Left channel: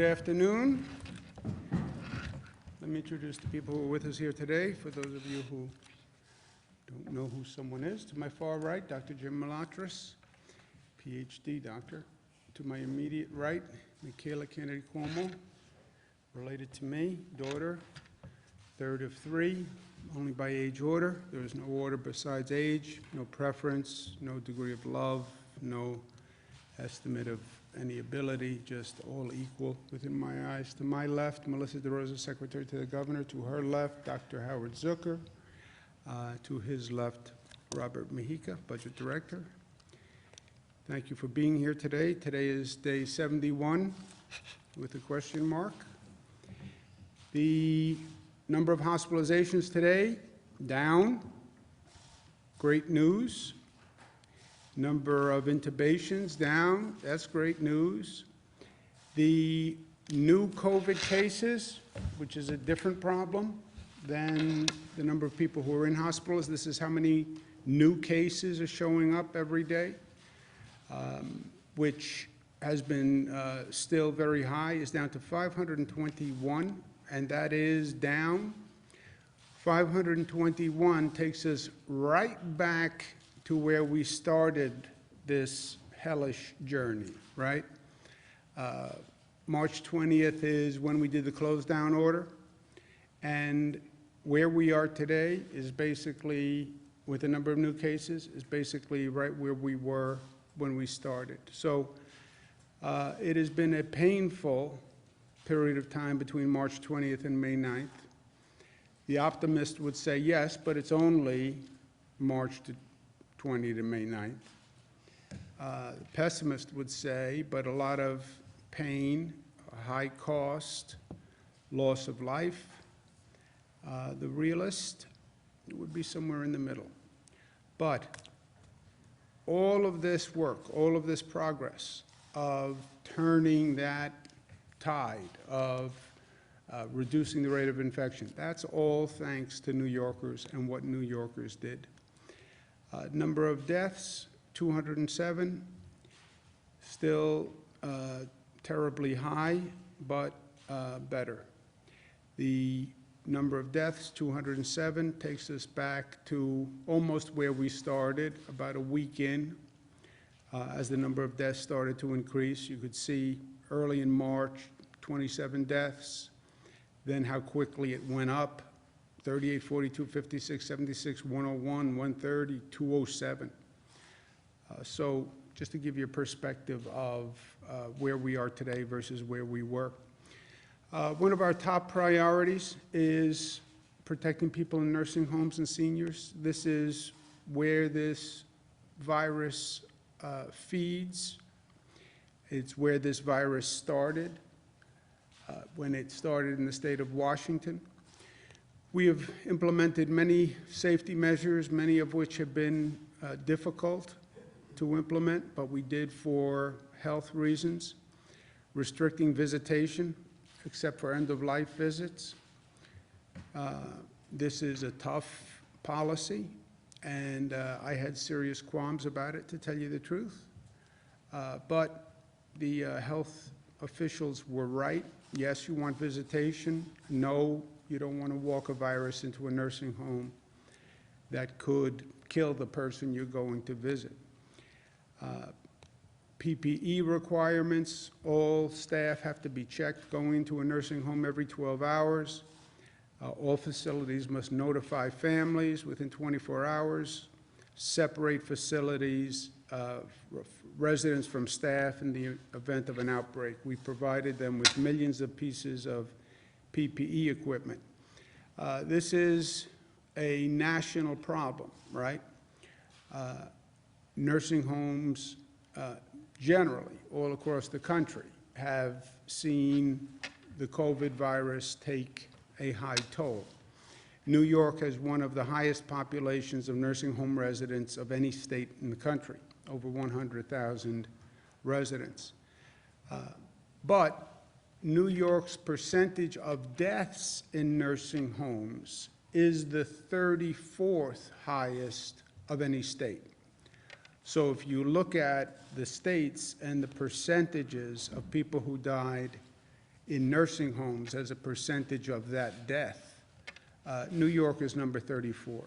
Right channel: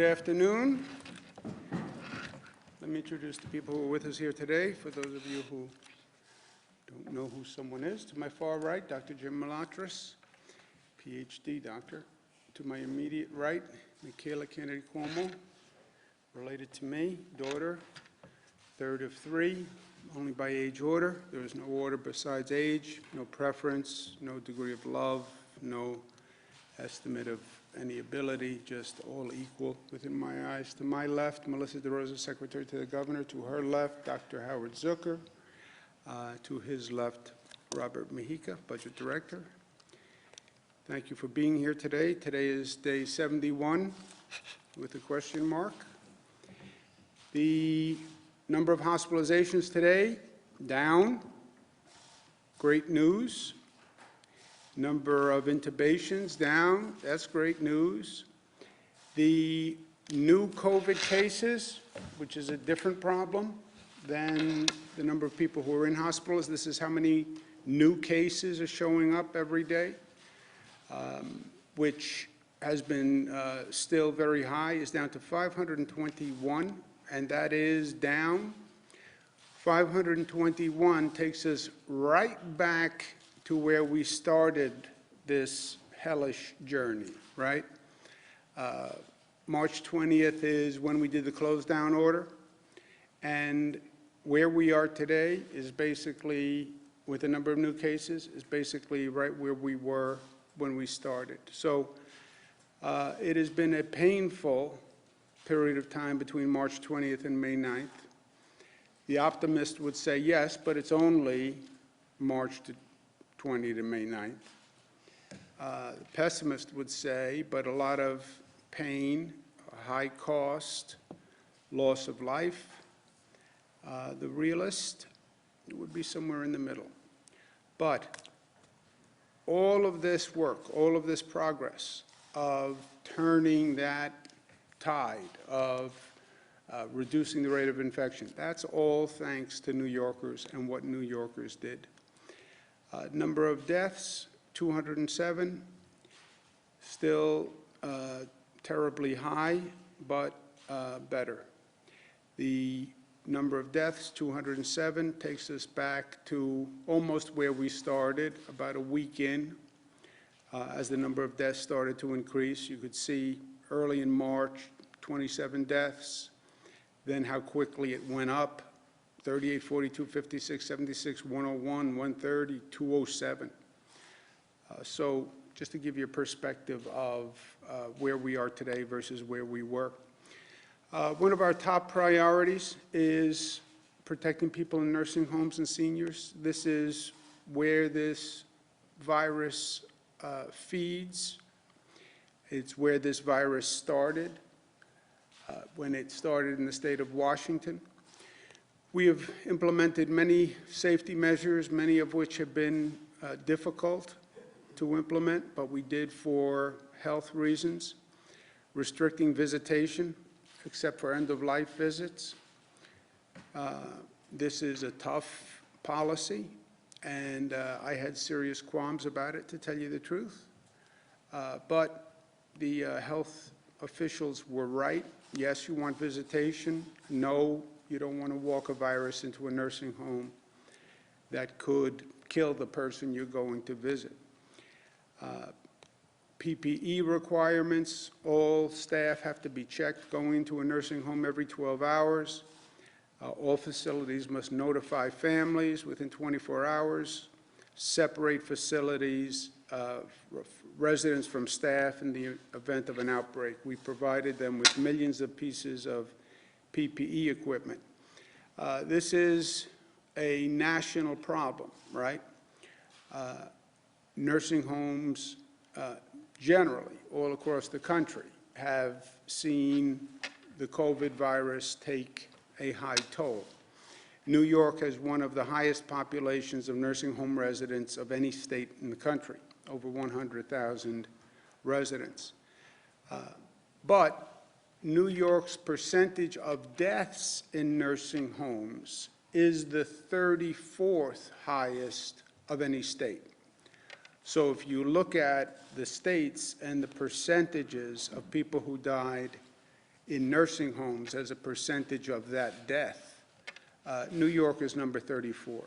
Good afternoon. Let me introduce the people who are with us here today. For those of you who don't know who someone is, to my far right, Dr. Jim Malatras, PhD doctor. To my immediate right, Michaela Kennedy Cuomo, related to me, daughter, third of three, only by age order. There is no order besides age, no preference, no degree of love, no estimate of any ability, just all equal within my eyes. To my left, Melissa DeRosa, Secretary to the Governor. To her left, Dr. Howard Zucker. To his left, Robert Mejica, Budget Director. Thank you for being here today. Today is day 71 with a question mark. The number of hospitalizations today, down. Great news. Number of intubations, down. That's great news. The new COVID cases, which is a different problem than the number of people who are in hospitals. This is how many new cases are showing up every day, which has been still very high, is down to 521, and that is down. 521 takes us right back to where we started this hellish journey, right? March 20th is when we did the close down order, and where we are today is basically, with the number of new cases, is basically right where we were when we started. So it has been a painful period of time between March 20th and May 9th. The optimist would say yes, but it's only March 20 to May 9th. The pessimist would say, but a lot of pain, high cost, loss of life. The realist would be somewhere in the middle. But all of this work, all of this progress of turning that tide, of reducing the rate of infection, that's all thanks to New Yorkers and what New Yorkers did. Number of deaths, 207, still terribly high, but better. The number of deaths, 207, takes us back to almost where we started, about a week in. As the number of deaths started to increase, you could see early in March, 27 deaths, then how quickly it went up. 38, 42, 56, 76, 101, 130, 207. So just to give you a perspective of where we are today versus where we were. One of our top priorities is protecting people in nursing homes and seniors. This is where this virus feeds. It's where this virus started, when it started in the state of Washington. We have implemented many safety measures, many of which have been difficult to implement, but we did for health reasons, restricting visitation, except for end-of-life visits. This is a tough policy, and I had serious qualms about it, to tell you the truth. But the health officials were right. Yes, you want visitation. No, you don't want to walk a virus into a nursing home that could kill the person you're going to visit. PPE requirements, all staff have to be checked going into a nursing home every 12 hours. All facilities must notify families within 24 hours, separate facilities, residents from staff in the event of an outbreak. We provided them with millions of pieces of PPE equipment. This is a national problem, right? Nursing homes generally all across the country have seen the COVID virus take a high toll. New York has one of the highest populations of nursing home residents of any state in the country, over 100,000 residents. But New York's percentage of deaths in nursing homes is the 34th highest of any state. So if you look at the states and the percentages of people who died in nursing homes as a percentage of that death, New York is number 34.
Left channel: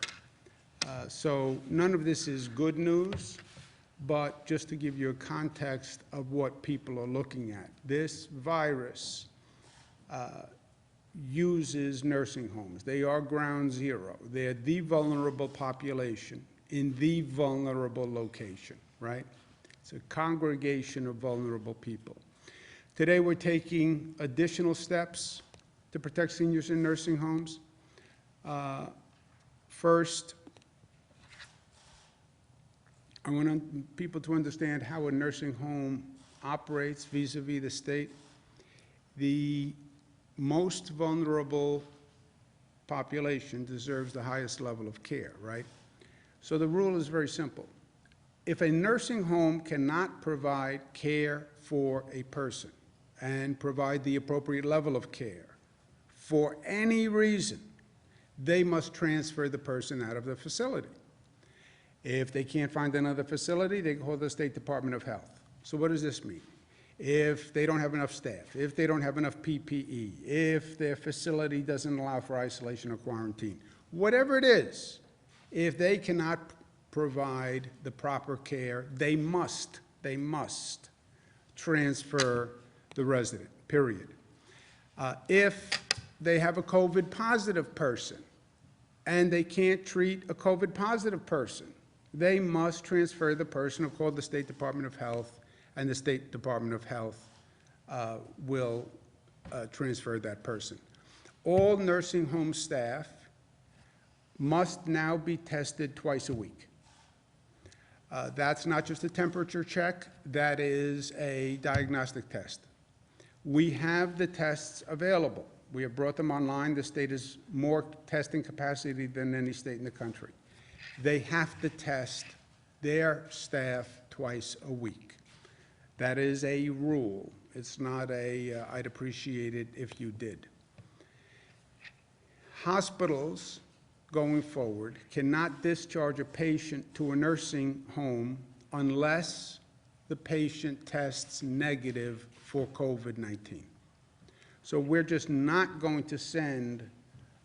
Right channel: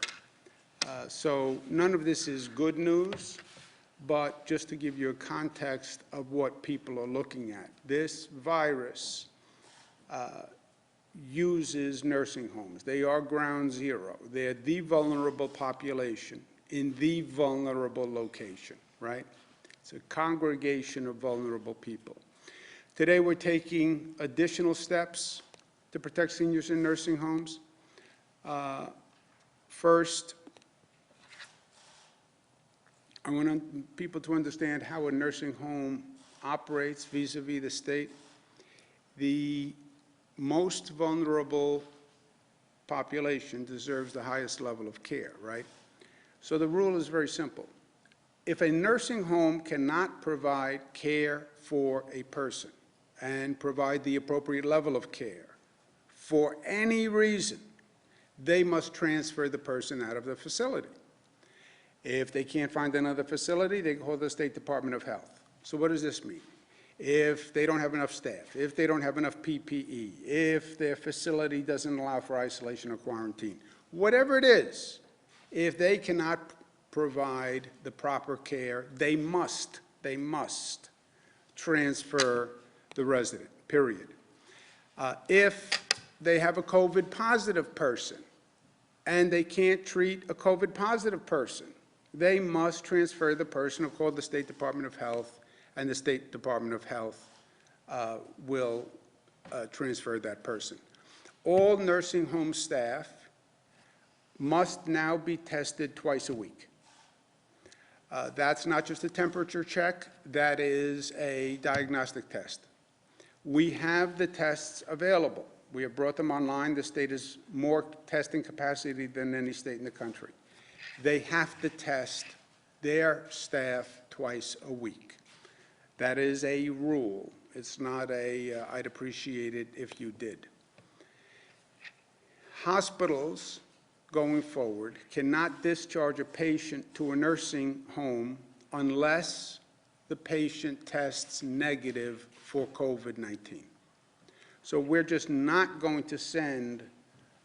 So none of this is good news, but just to give you a context of what people are looking at. This virus uses nursing homes. They are ground zero. They're the vulnerable population in the vulnerable location, right? It's a congregation of vulnerable people. Today we're taking additional steps to protect seniors in nursing homes. First, I want people to understand how a nursing home operates vis-a-vis the state. The most vulnerable population deserves the highest level of care, right? So the rule is very simple. If a nursing home cannot provide care for a person and provide the appropriate level of care for any reason, they must transfer the person out of the facility. If they can't find another facility, they call the State Department of Health. So what does this mean? If they don't have enough staff, if they don't have enough PPE, if their facility doesn't allow for isolation or quarantine, whatever it is, if they cannot provide the proper care, they must transfer the resident, period. If they have a COVID positive person and they can't treat a COVID positive person, they must transfer the person, call the State Department of Health, and the State Department of Health will transfer that person. All nursing home staff must now be tested twice a week. That's not just a temperature check, that is a diagnostic test. We have the tests available. We have brought them online. The state has more testing capacity than any state in the country. They have to test their staff twice a week. That is a rule. It's not a, I'd appreciate it if you did. Hospitals, going forward, cannot discharge a patient to a nursing home unless the patient tests negative for COVID-19. So we're just not going to send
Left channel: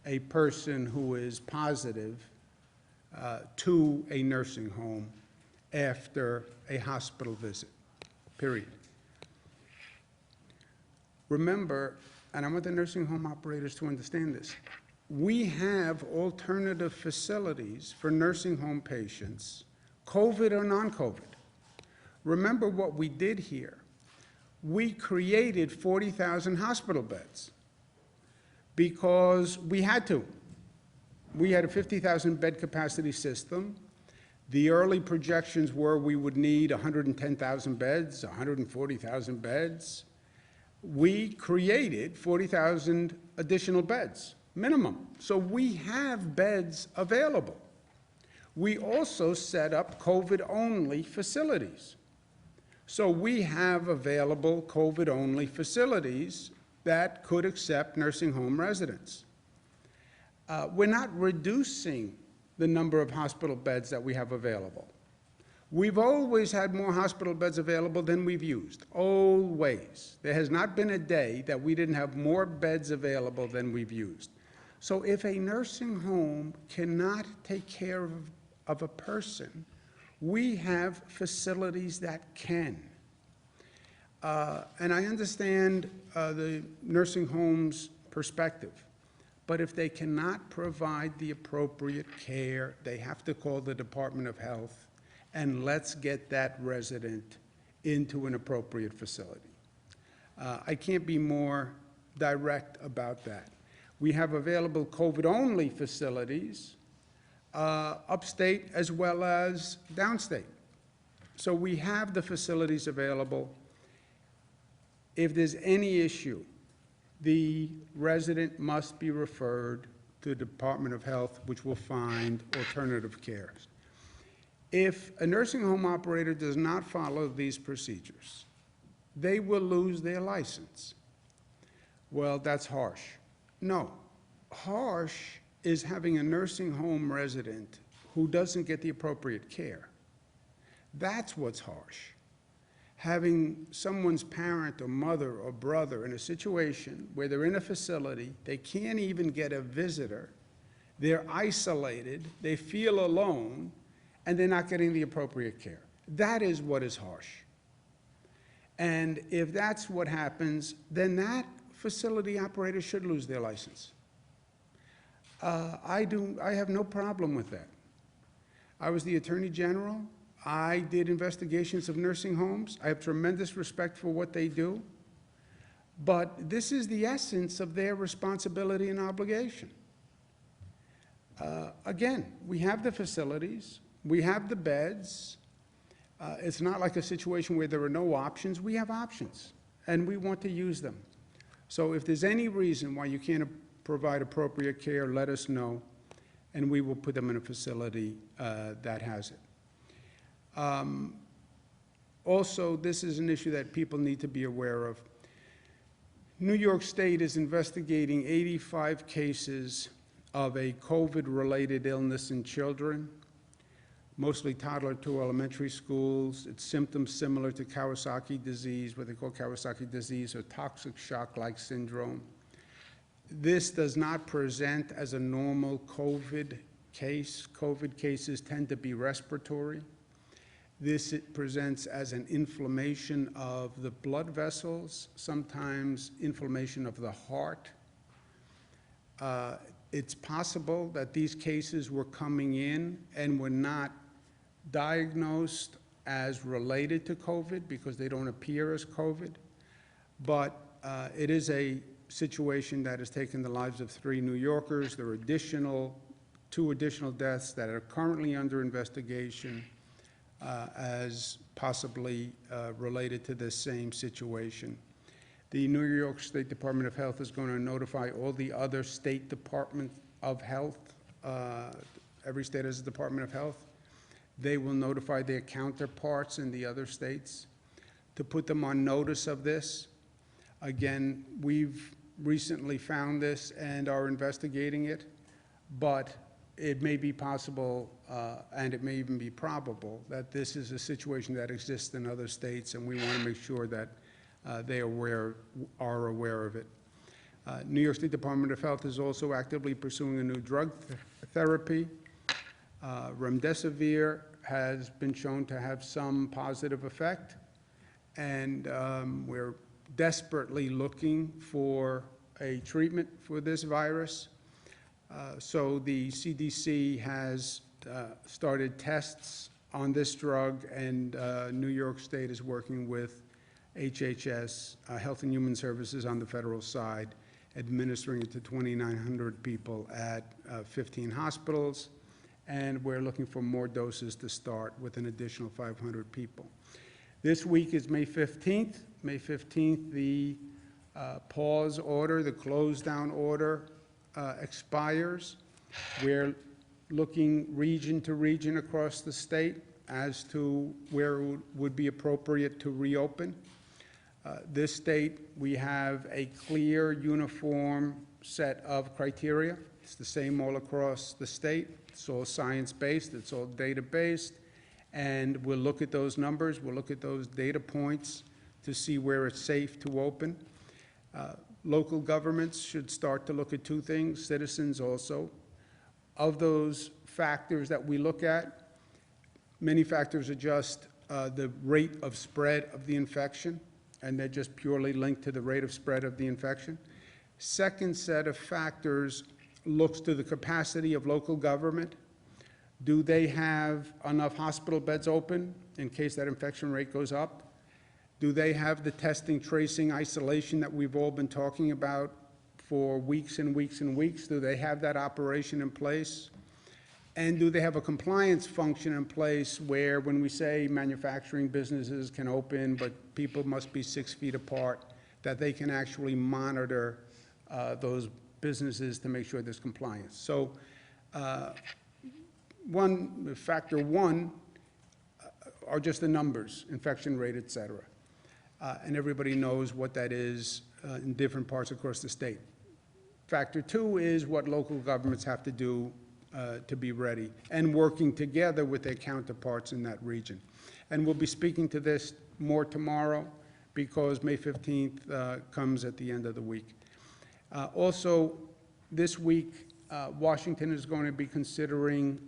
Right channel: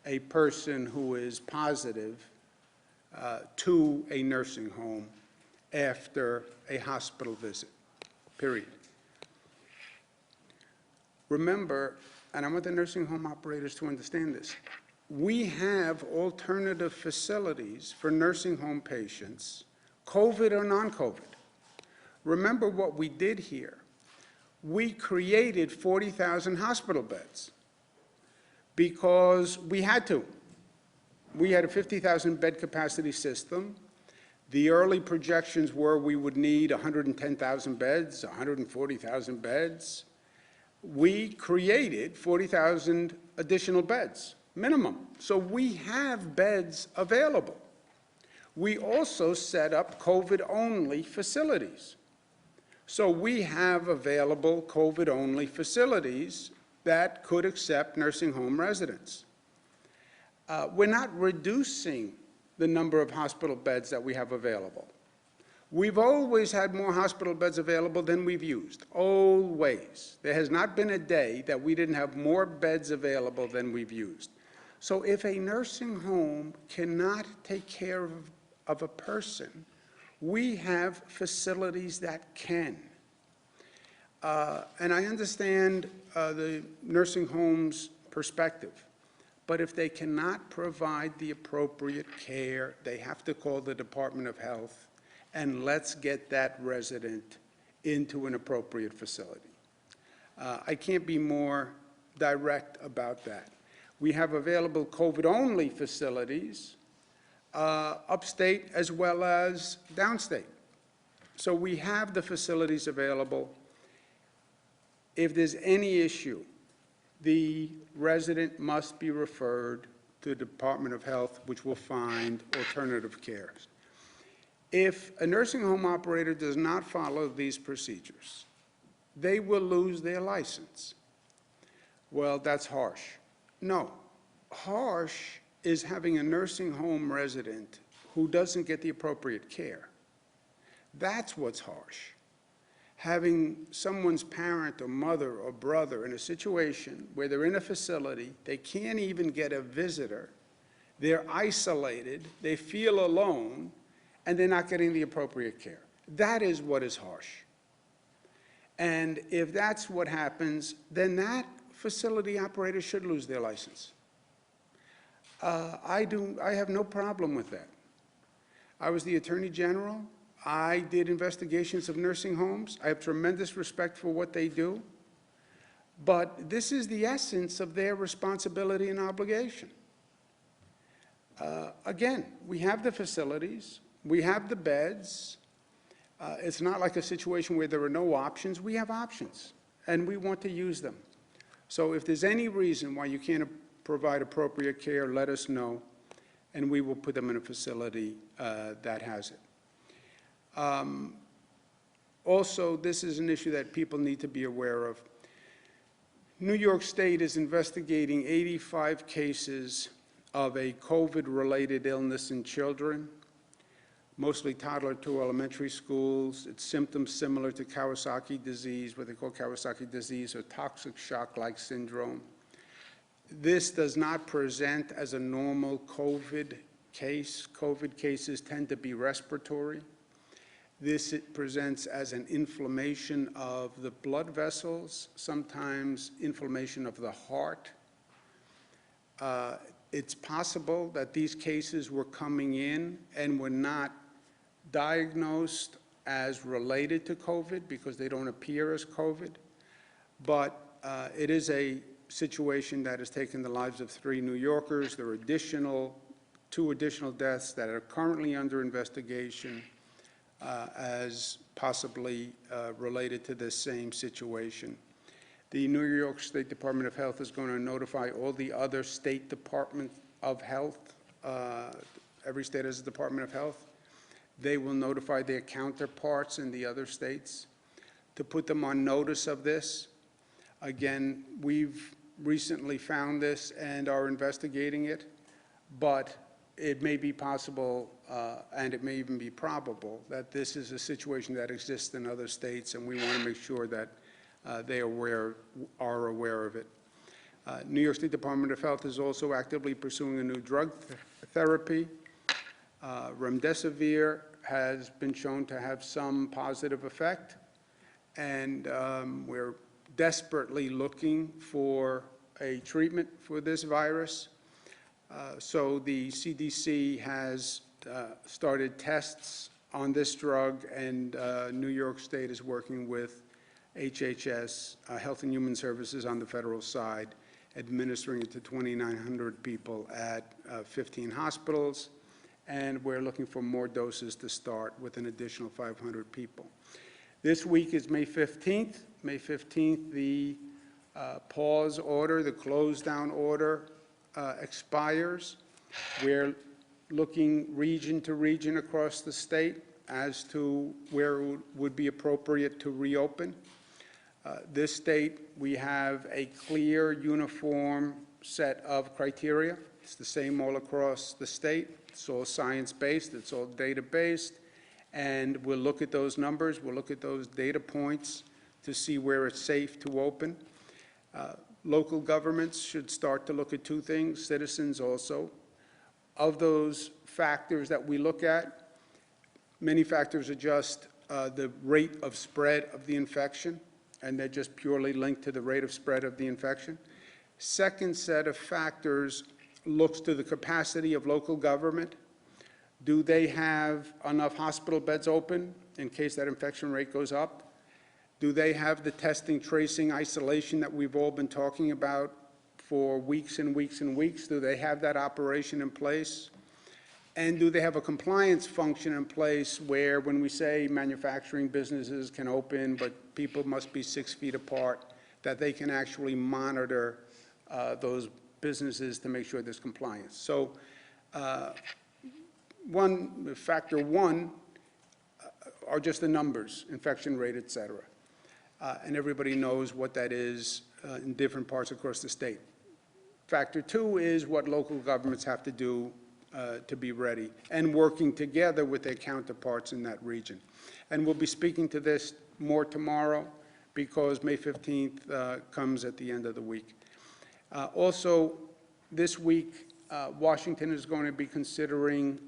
a person who is positive to a nursing home after a hospital visit, period. Remember, and I want the nursing home operators to understand this, we have alternative facilities for nursing home patients, COVID or non-COVID. Remember what we did here. We created 40,000 hospital beds because we had to. We had a 50,000 bed capacity system. The early projections were we would need 110,000 beds, 140,000 beds. We created 40,000 additional beds, minimum. So we have beds available. We also set up COVID-only facilities. So we have available COVID-only facilities that could accept nursing home residents. We're not reducing the number of hospital beds that we have available. We've always had more hospital beds available than we've used, always. There has not been a day that we didn't have more beds available than we've used. So if a nursing home cannot take care of a person, we have facilities that can. And I understand the nursing home's perspective, but if they cannot provide the appropriate care, they have to call the Department of Health, and let's get that resident into an appropriate facility. I can't be more direct about that. We have available COVID-only facilities upstate as well as downstate. So we have the facilities available. If there's any issue, the resident must be referred to the Department of Health, which will find alternative care. If a nursing home operator does not follow these procedures, they will lose their license. Well, that's harsh. No, harsh is having a nursing home resident who doesn't get the appropriate care. That's what's harsh. having someone's parent or mother or brother in a situation where they're in a facility, they can't even get a visitor, they're isolated, they feel alone, and they're not getting the appropriate care. That is what is harsh. And if that's what happens, then that facility operator should lose their license. I have no problem with that. I was the Attorney General. I did investigations of nursing homes. I have tremendous respect for what they do. But this is the essence of their responsibility and obligation. Again, we have the facilities, we have the beds. It's not like a situation where there are no options. We have options, and we want to use them. So if there's any reason why you can't provide appropriate care, let us know, and we will put them in a facility that has it. Also, this is an issue that people need to be aware of. New York State is investigating 85 cases of a COVID-related illness in children, mostly toddler to elementary schools. It's symptoms similar to Kawasaki disease, what they call Kawasaki disease, or toxic shock-like syndrome. This does not present as a normal COVID case. COVID cases tend to be respiratory. This presents as an inflammation of the blood vessels, sometimes inflammation of the heart. It's possible that these cases were coming in and were not diagnosed as related to COVID because they don't appear as COVID, but it is a situation that has taken the lives of 3 New Yorkers. There are 2 additional deaths that are currently under investigation as possibly related to this same situation. The New York State Department of Health is going to notify all the other state departments of health. Every state has a Department of Health. They will notify their counterparts in the other states to put them on notice of this. Again, we've recently found this and are investigating it, but it may be possible, and it may even be probable, that this is a situation that exists in other states, and we want to make sure that they are aware of it. New York State Department of Health is also actively pursuing a new drug therapy. Remdesivir has been shown to have some positive effect, and we're desperately looking for a treatment for this virus. So the CDC has started tests on this drug, and New York State is working with HHS, Health and Human Services on the federal side, administering it to 2,900 people at 15 hospitals, and we're looking for more doses to start with an additional 500 people. This week is May 15th. May 15th, the pause order, the close down order expires. We're looking region to region across the state as to where it would be appropriate to reopen. This state, we have a clear, uniform set of criteria. It's the same all across the state. It's all science-based, it's all data-based, and we'll look at those numbers, we'll look at those data points to see where it's safe to open. Local governments should start to look at 2 things, citizens also. Of those factors that we look at, many factors are just the rate of spread of the infection, and they're just purely linked to the rate of spread of the infection. Second set of factors looks to the capacity of local government. Do they have enough hospital beds open in case that infection rate goes up? Do they have the testing, tracing, isolation that we've all been talking about for weeks and weeks and weeks? Do they have that operation in place? And do they have a compliance function in place where when we say manufacturing businesses can open but people must be 6 feet apart, that they can actually monitor those businesses to make sure there's compliance? So factor one are just the numbers, infection rate, et cetera. And everybody knows what that is in different parts across the state. Factor 2 is what local governments have to do to be ready and working together with their counterparts in that region. And we'll be speaking to this more tomorrow, because May 15th comes at the end of the week. Also, this week, Washington is going to be considering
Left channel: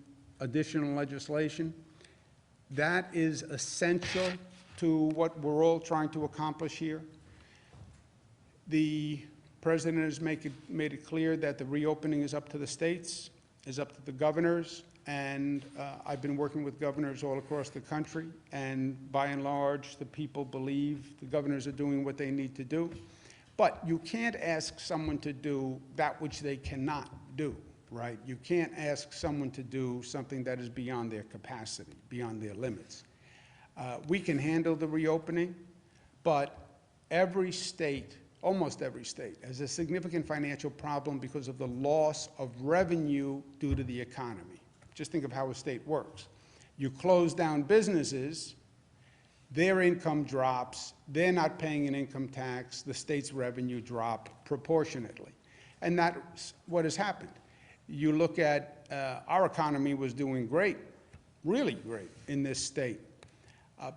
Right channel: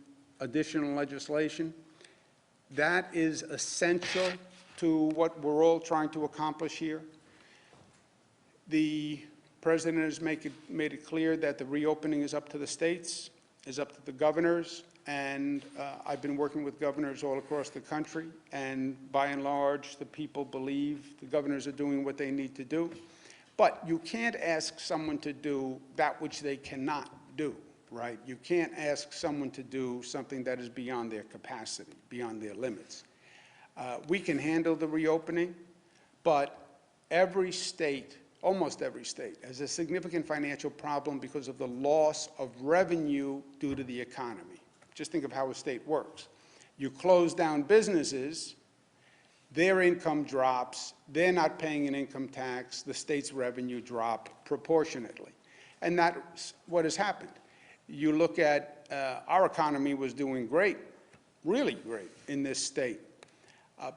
additional legislation. That is essential to what we're all trying to accomplish here. The President has made it clear that the reopening is up to the states, is up to the governors, and I've been working with governors all across the country, and by and large, the people believe the governors are doing what they need to do. But you can't ask someone to do that which they cannot do, right? You can't ask someone to do something that is beyond their capacity, beyond their limits. We can handle the reopening, but every state, almost every state, has a significant financial problem because of the loss of revenue due to the economy. Just think of how a state works. You close down businesses, their income drops, they're not paying an income tax, the state's revenue drop proportionately. And that's what has happened. You look at, our economy was doing great, really great in this state.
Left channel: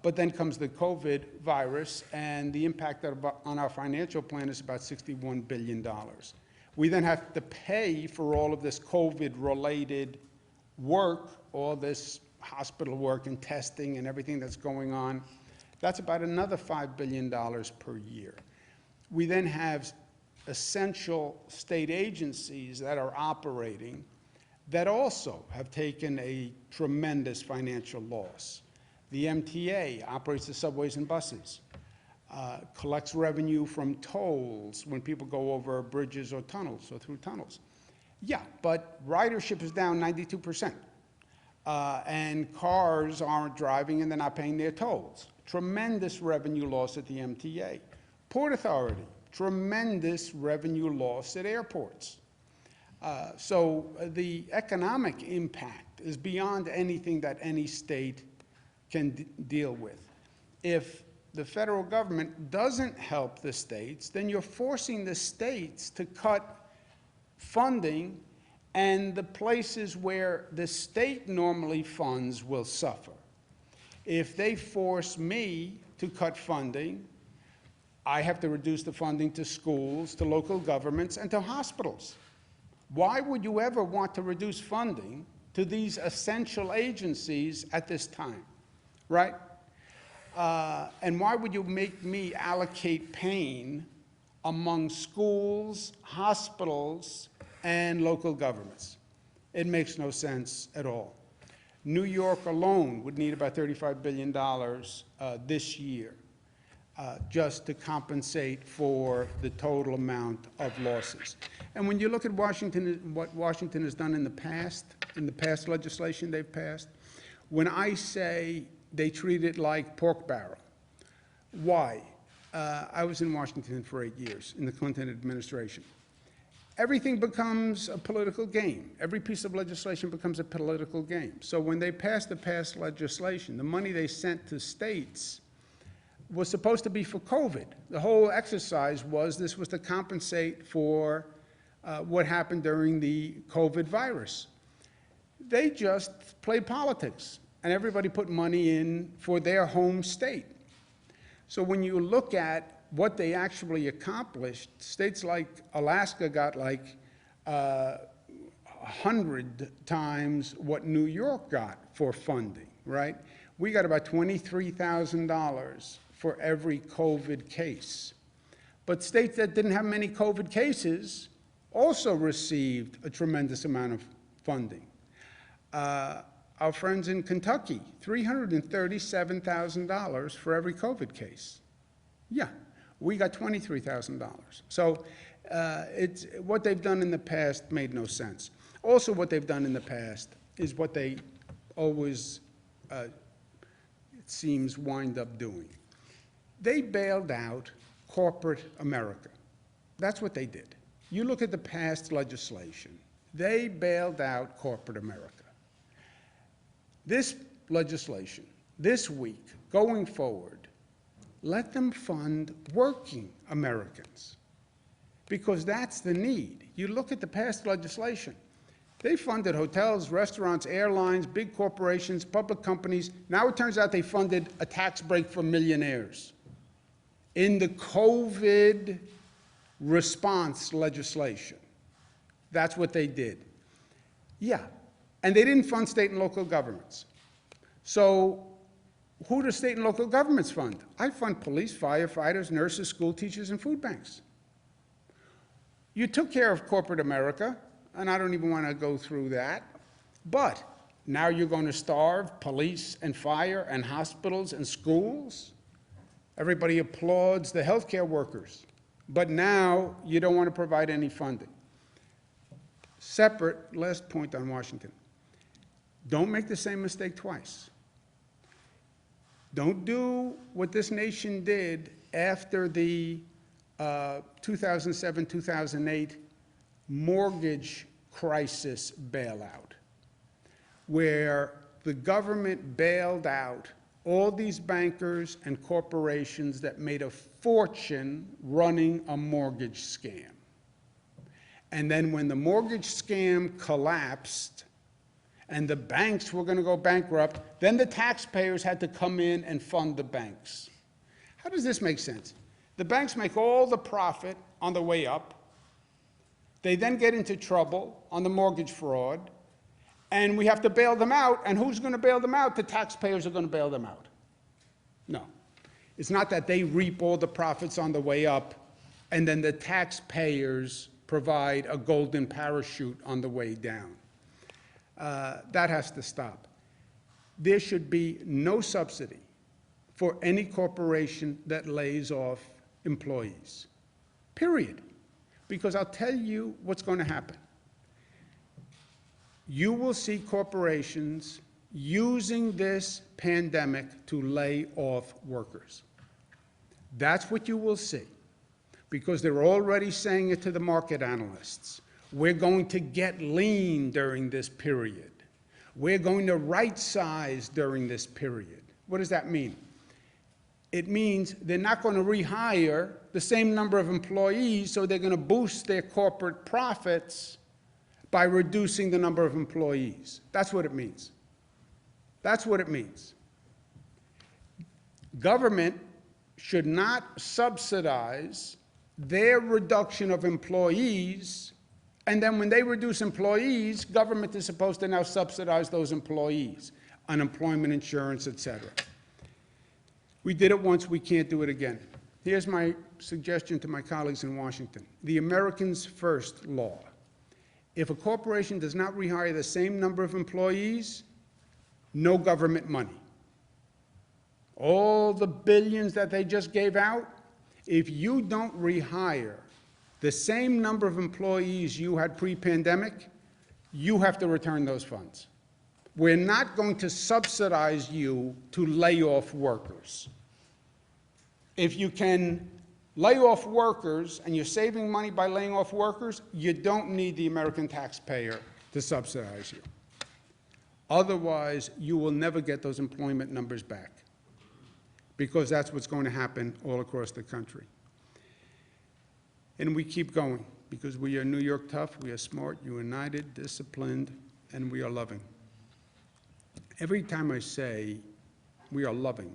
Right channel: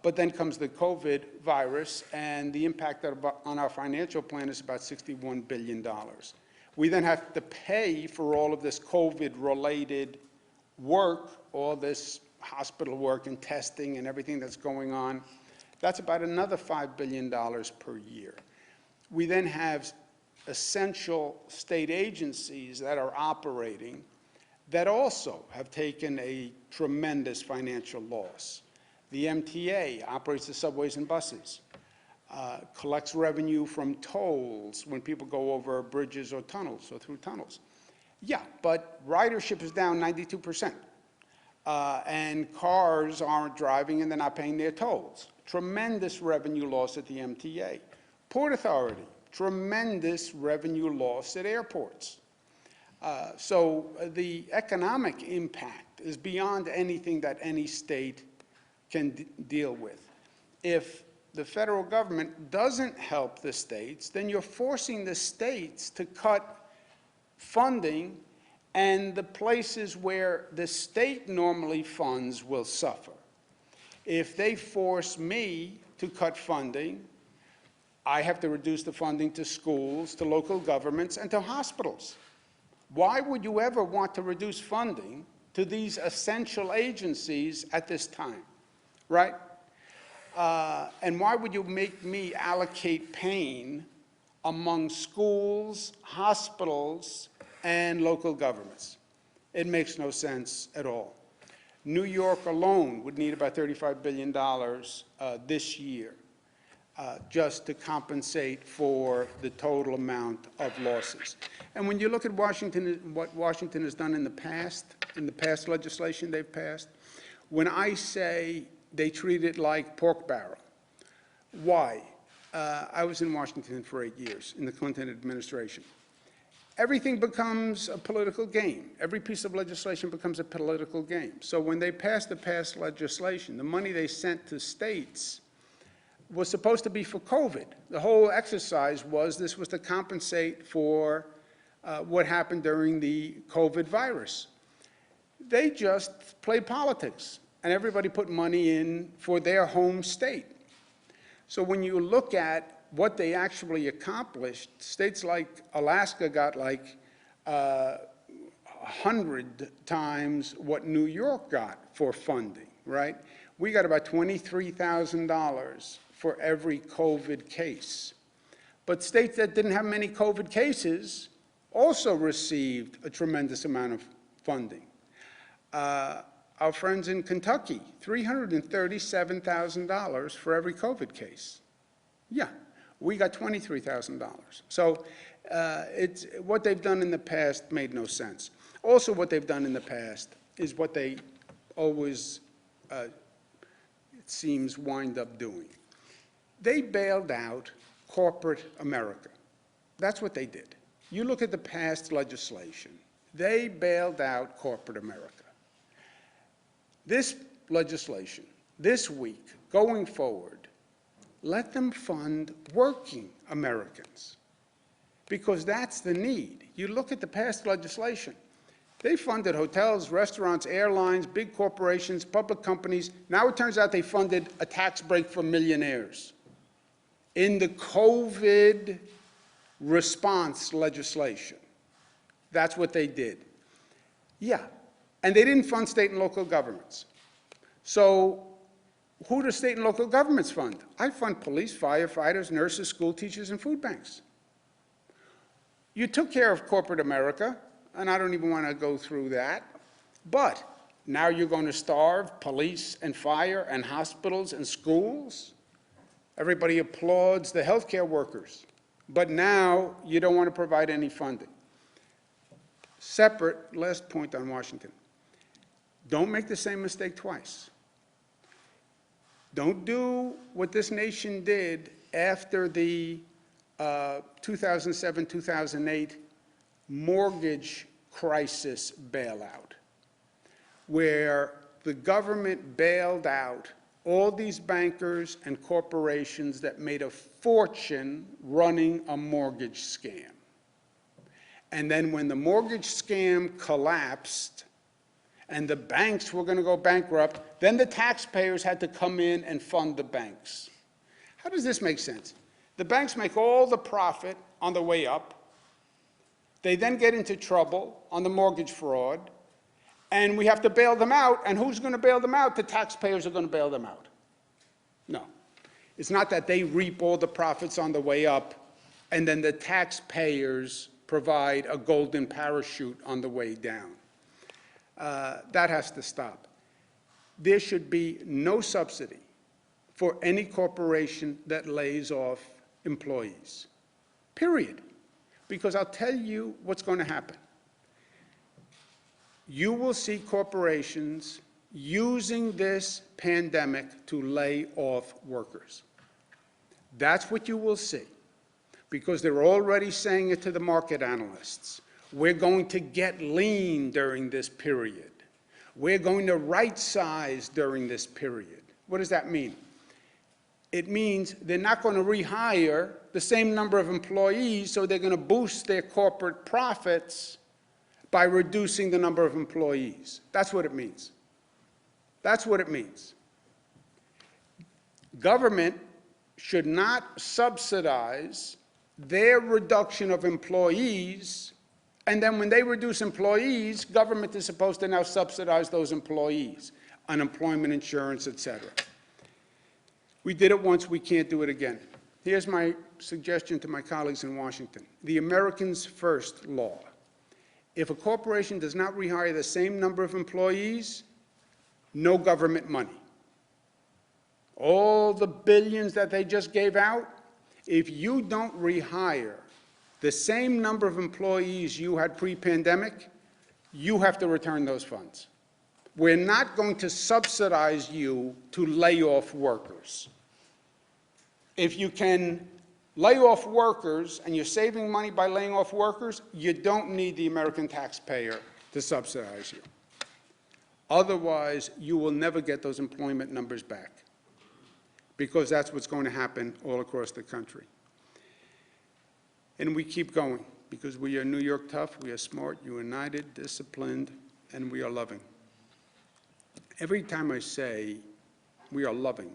But then comes the COVID virus, and the impact on our financial plan is about $61 billion. We then have to pay for all of this COVID-related work, all this hospital work and testing and everything that's going on. That's about another $5 billion per year. We then have essential state agencies that are operating that also have taken a tremendous financial loss. The MTA operates the subways and buses, collects revenue from tolls when people go over bridges or tunnels or through tunnels. Yeah, but ridership is down 92%, and cars aren't driving and they're not paying their tolls. Tremendous revenue loss at the MTA. Port Authority, tremendous revenue loss at airports. So the economic impact is beyond anything that any state can deal with. If the federal government doesn't help the states, then you're forcing the states to cut funding, and the places where the state normally funds will suffer. If they force me to cut funding, I have to reduce the funding to schools, to local governments, and to hospitals. Why would you ever want to reduce funding to these essential agencies at this time, right? And why would you make me allocate pain among schools, hospitals, and local governments? It makes no sense at all. New York alone would need about $35 billion this year just to compensate for the total amount of losses. And when you look at Washington, what Washington has done in the past legislation they've passed, when I say they treat it like pork barrel, why? I was in Washington for 8 years in the Clinton administration. Everything becomes a political game. Every piece of legislation becomes a political game. So when they passed legislation, the money they sent to states was supposed to be for COVID. The whole exercise was this was to compensate for what happened during the COVID virus. They just played politics, and everybody put money in for their home state. So when you look at what they actually accomplished, states like Alaska got like 100 times what New York got for funding, right? We got about $23,000 for every COVID case. But states that didn't have many COVID cases also received a tremendous amount of funding. Our friends in Kentucky, $337,000 for every COVID case. Yeah, we got $23,000. So it's, what they've done in the past made no sense. Also, what they've done in the past is what they always, it seems, wind up doing. They bailed out corporate America. That's what they did. You look at the past legislation. They bailed out corporate America. This legislation, this week, going forward, let them fund working Americans, because that's the need. You look at the past legislation. They funded hotels, restaurants, airlines, big corporations, public companies. Now it turns out they funded a tax break for millionaires in the COVID response legislation. That's what they did. Yeah, and they didn't fund state and local governments. So who do state and local governments fund? I fund police, firefighters, nurses, school teachers, and food banks. You took care of corporate America, and I don't even want to go through that, but now you're going to starve police and fire and hospitals and schools? Everybody applauds the healthcare workers, but now you don't want to provide any funding. Separate, last point on Washington. Don't make the same mistake twice. Don't do what this nation did after the 2007-2008 mortgage crisis bailout, where the government bailed out all these bankers and corporations that made a fortune running a mortgage scam. And then when the mortgage scam collapsed and the banks were going to go bankrupt, then the taxpayers had to come in and fund the banks. How does this make sense? The banks make all the profit on the way up. They then get into trouble on the mortgage fraud, and we have to bail them out. And who's going to bail them out? The taxpayers are going to bail them out. No. It's not that they reap all the profits on the way up, and then the taxpayers provide a golden parachute on the way down. That has to stop. There should be no subsidy for any corporation that lays off employees, period. Because I'll tell you what's going to happen. You will see corporations using this pandemic to lay off workers. That's what you will see, because they're already saying it to the market analysts. We're going to get lean during this period. We're going to right-size during this period. What does that mean? It means they're not going to rehire the same number of employees, so they're going to boost their corporate profits by reducing the number of employees. That's what it means. That's what it means. Government should not subsidize their reduction of employees, and then when they reduce employees, government is supposed to now subsidize those employees, unemployment insurance, etc. We did it once, we can't do it again. Here's my suggestion to my colleagues in Washington. The Americans First law. If a corporation does not rehire the same number of employees, no government money. All the billions that they just gave out, if you don't rehire the same number of employees you had pre-pandemic, you have to return those funds. We're not going to subsidize you to lay off workers. If you can lay off workers and you're saving money by laying off workers, you don't need the American taxpayer to subsidize you. Otherwise, you will never get those employment numbers back, because that's what's going to happen all across the country. And we keep going, because we are New York tough, we are smart, united, disciplined, and we are loving. Every time I say we are loving,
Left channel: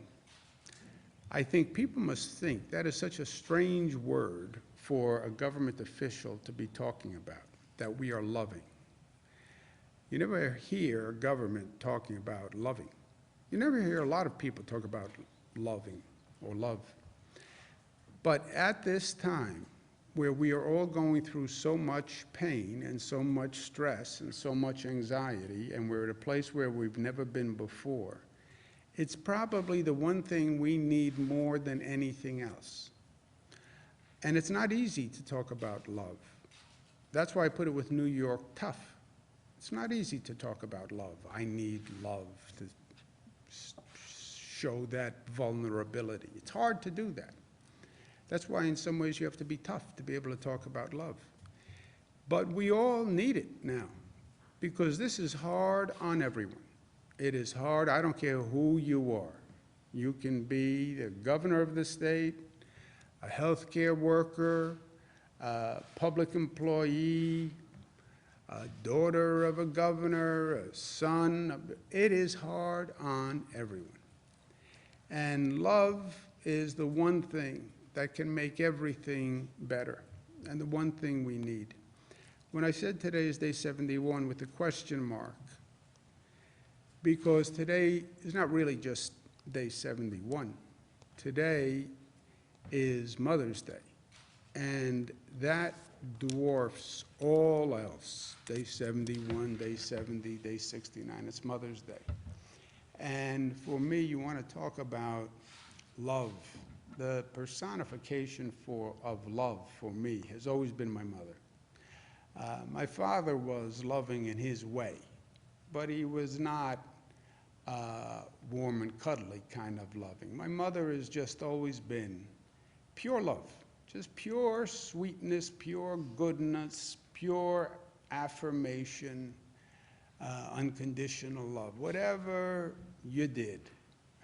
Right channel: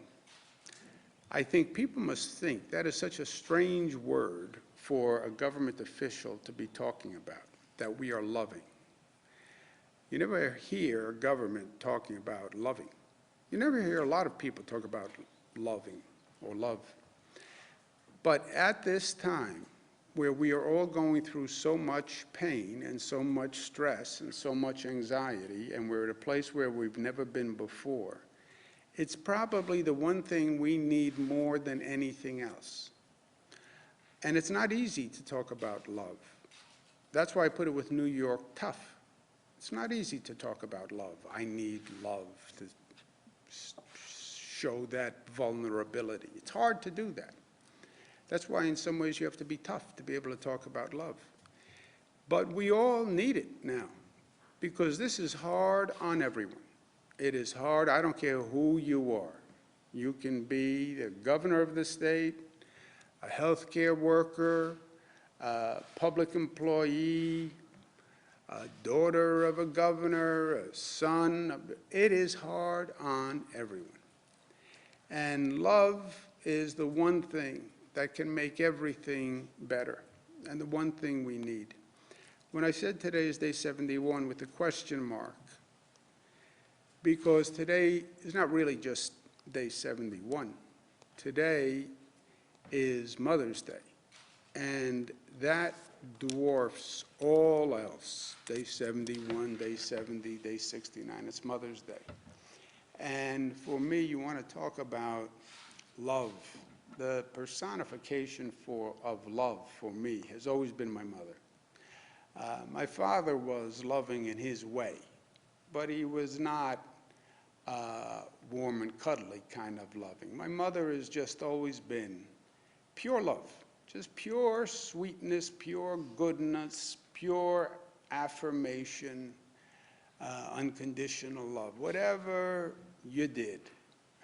I think people must think that is such a strange word for a government official to be talking about, that we are loving. You never hear government talking about loving. You never hear a lot of people talk about loving or love. But at this time, where we are all going through so much pain and so much stress and so much anxiety, and we're at a place where we've never been before, it's probably the one thing we need more than anything else. And it's not easy to talk about love. That's why I put it with New York tough. It's not easy to talk about love. I need love to show that vulnerability. It's hard to do that. That's why in some ways you have to be tough to be able to talk about love. But we all need it now, because this is hard on everyone. It is hard. I don't care who you are. You can be the governor of the state, a healthcare worker, a public employee, a daughter of a governor, a son. It is hard on everyone. And love is the one thing that can make everything better, and the one thing we need. When I said today is day 71 with the question mark, because today is not really just day 71. Today is Mother's Day, and that dwarfs all else. Day 71, day 70, day 69, it's Mother's Day. And for me, you want to talk about love. The personification of love for me has always been my mother. My father was loving in his way, but he was not warm and cuddly kind of loving. My mother has just always been pure love, just pure sweetness, pure goodness, pure affirmation, unconditional love. Whatever you did,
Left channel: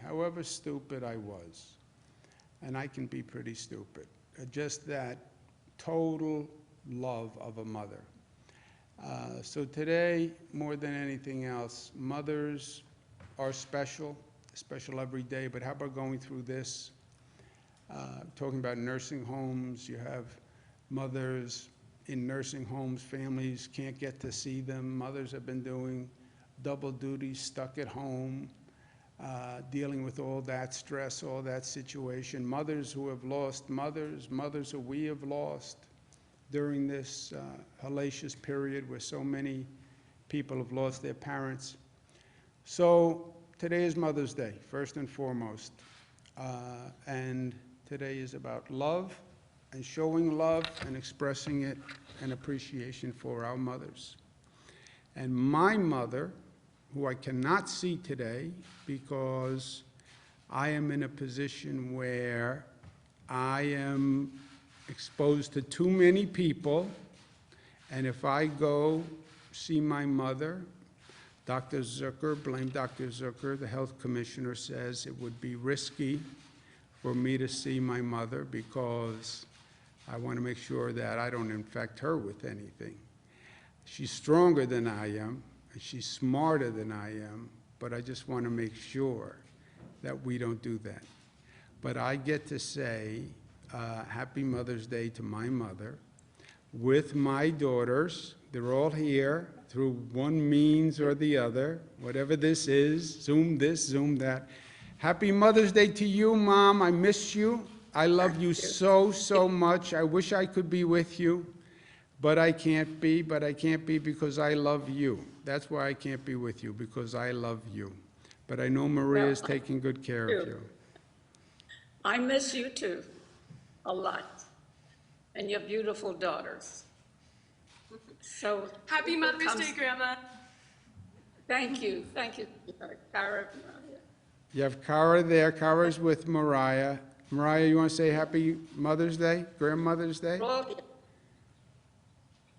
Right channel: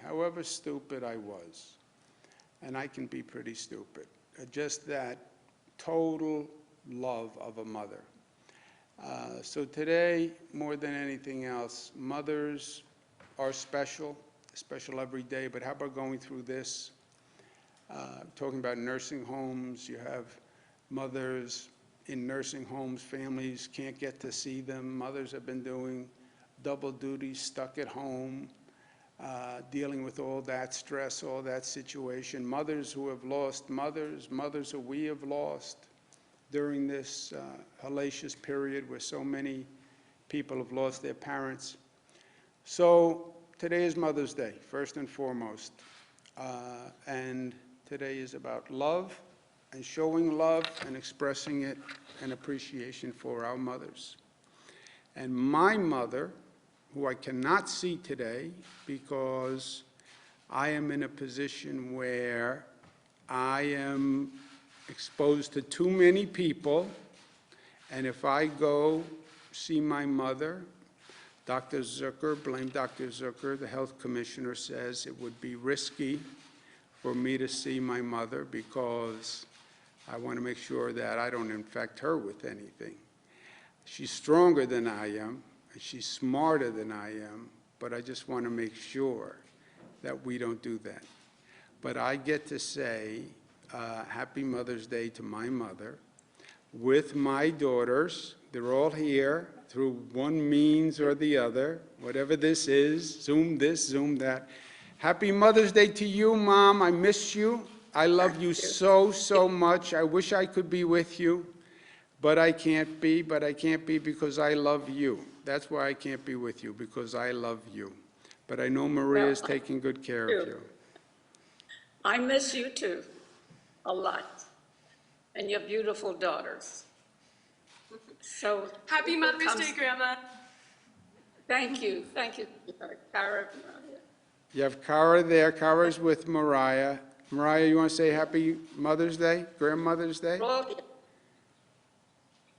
however stupid I was, and I can be pretty stupid, just that total love of a mother. So today, more than anything else, mothers are special every day, but how about going through this? Talking about nursing homes, you have mothers in nursing homes, families can't get to see them. Mothers have been doing double duty, stuck at home, dealing with all that stress, all that situation. Mothers who have lost mothers, mothers who we have lost during this hellacious period where so many people have lost their parents. So today is Mother's Day, first and foremost. And today is about love and showing love and expressing it and appreciation for our mothers. And my mother, who I cannot see today because I am in a position where I am exposed to too many people, and if I go see my mother, Dr. Zucker, blame Dr. Zucker, the health commissioner says it would be risky for me to see my mother because I want to make sure that I don't infect her with anything. She's stronger than I am, and she's smarter than I am, but I just want to make sure that we don't do that. But I get to say Happy Mother's Day to my mother with my daughters. They're all here through one means or the other, whatever this is, Zoom this, Zoom that. Happy Mother's Day to you, Mom. I miss you. I love you so, so much. I wish I could be with you, but I can't be. But I can't be because I love you. That's why I can't be with you, because I love you. But I know Maria is taking good care of you. I miss you too, a lot, and your beautiful daughters. So Happy Mother's Day, Grandma. Thank you, Cara. You have Cara there. Cara's with Mariah. Mariah, you want to say Happy Mother's Day, Grandmother's Day?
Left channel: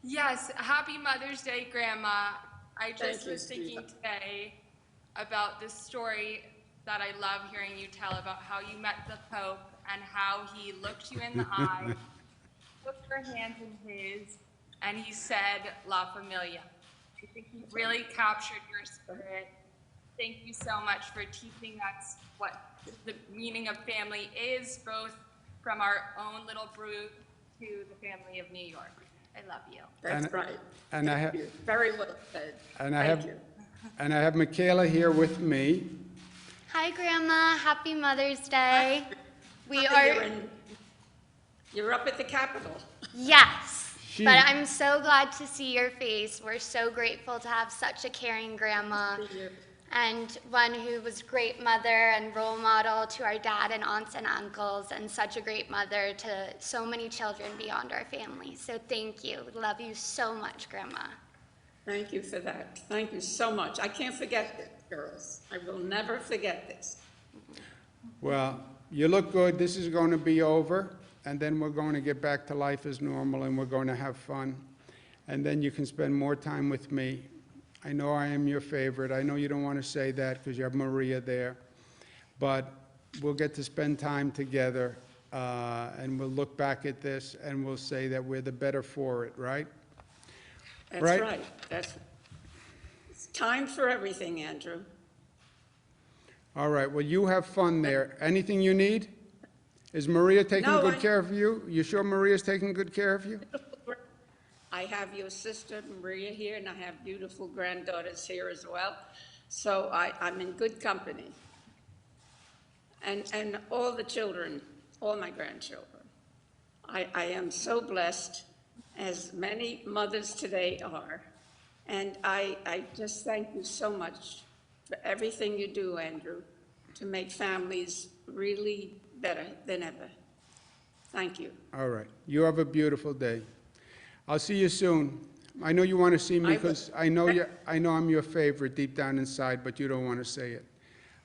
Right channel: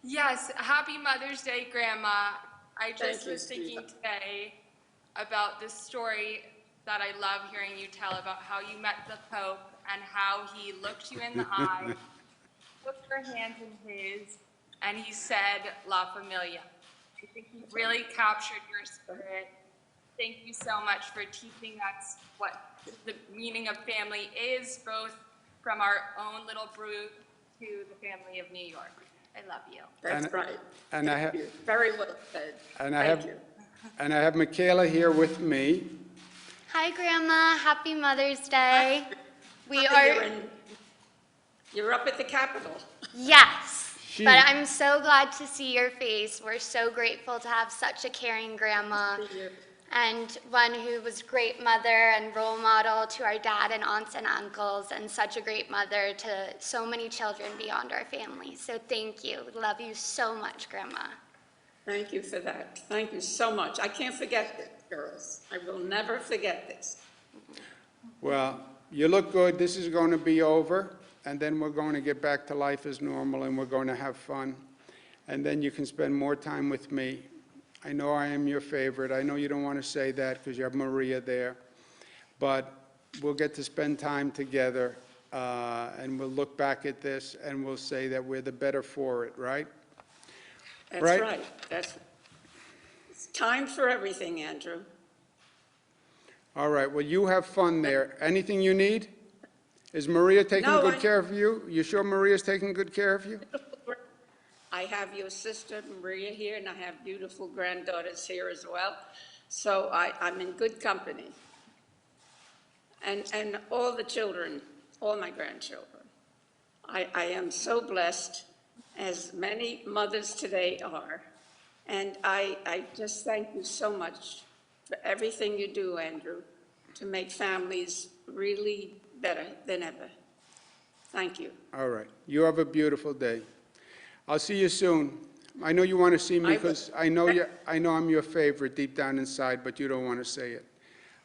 Yes, Happy Mother's Day, Grandma. I just was thinking today about this story that I love hearing you tell about how you met the Pope and how he looked you in the eye, took your hands in his, and he said, La Familia. I think he really captured your spirit. Thank you so much for teaching us what the meaning of family is, both from our own little brew to the family of New York. I love you. That's right. And I have very well said. And I have Michaela here with me. Hi, Grandma. Happy Mother's Day. You're up at the Capitol. Yes, but I'm so glad to see your face. We're so grateful to have such a caring grandma and one who was a great mother and role model to our dad and aunts and uncles, and such a great mother to so many children beyond our family. So thank you. Love you so much, Grandma. Thank you for that. Thank you so much. I can't forget this, girls. I will never forget this. Well, you look good. This is going to be over, and then we're going to get back to life as normal, and we're going to have fun. And then you can spend more time with me. I know I am your favorite. I know you don't want to say that because you have Maria there. But we'll get to spend time together, and we'll look back at this, and we'll say that we're the better for it, right? That's Right. right. It's time for everything, Andrew. All right, well, you have fun there. Anything you need? Is Maria taking No, good care of you? You sure Maria's taking good care of you? I have your sister Maria here, and I have beautiful granddaughters here as well. So I'm in good company. And all the children, all my grandchildren. I am so blessed, as many mothers today are. And I just thank you so much for everything you do, Andrew, to make families really better than ever. Thank you. All right, you have a beautiful day. I'll see you soon. I know you want to see me I will. because I know I'm your favorite deep down inside, but you don't want to say it.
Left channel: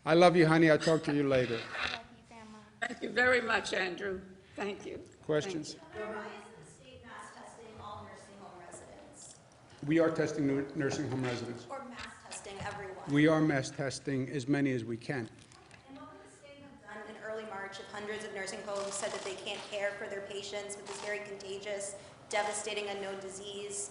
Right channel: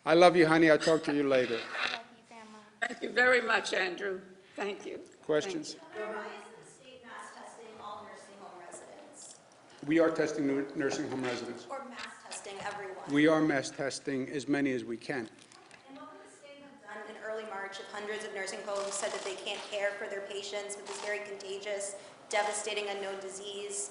I love you, honey. I'll talk to you later. I love you, Grandma. Thank you very much, Andrew. Thank you. Questions? Why isn't the state mass testing all nursing home residents? We are testing nursing home residents. Or mass testing everyone? We are mass testing as many as we can. And what would the state have done in early March if hundreds of nursing homes said that they can't care for their patients with this very contagious, devastating unknown disease?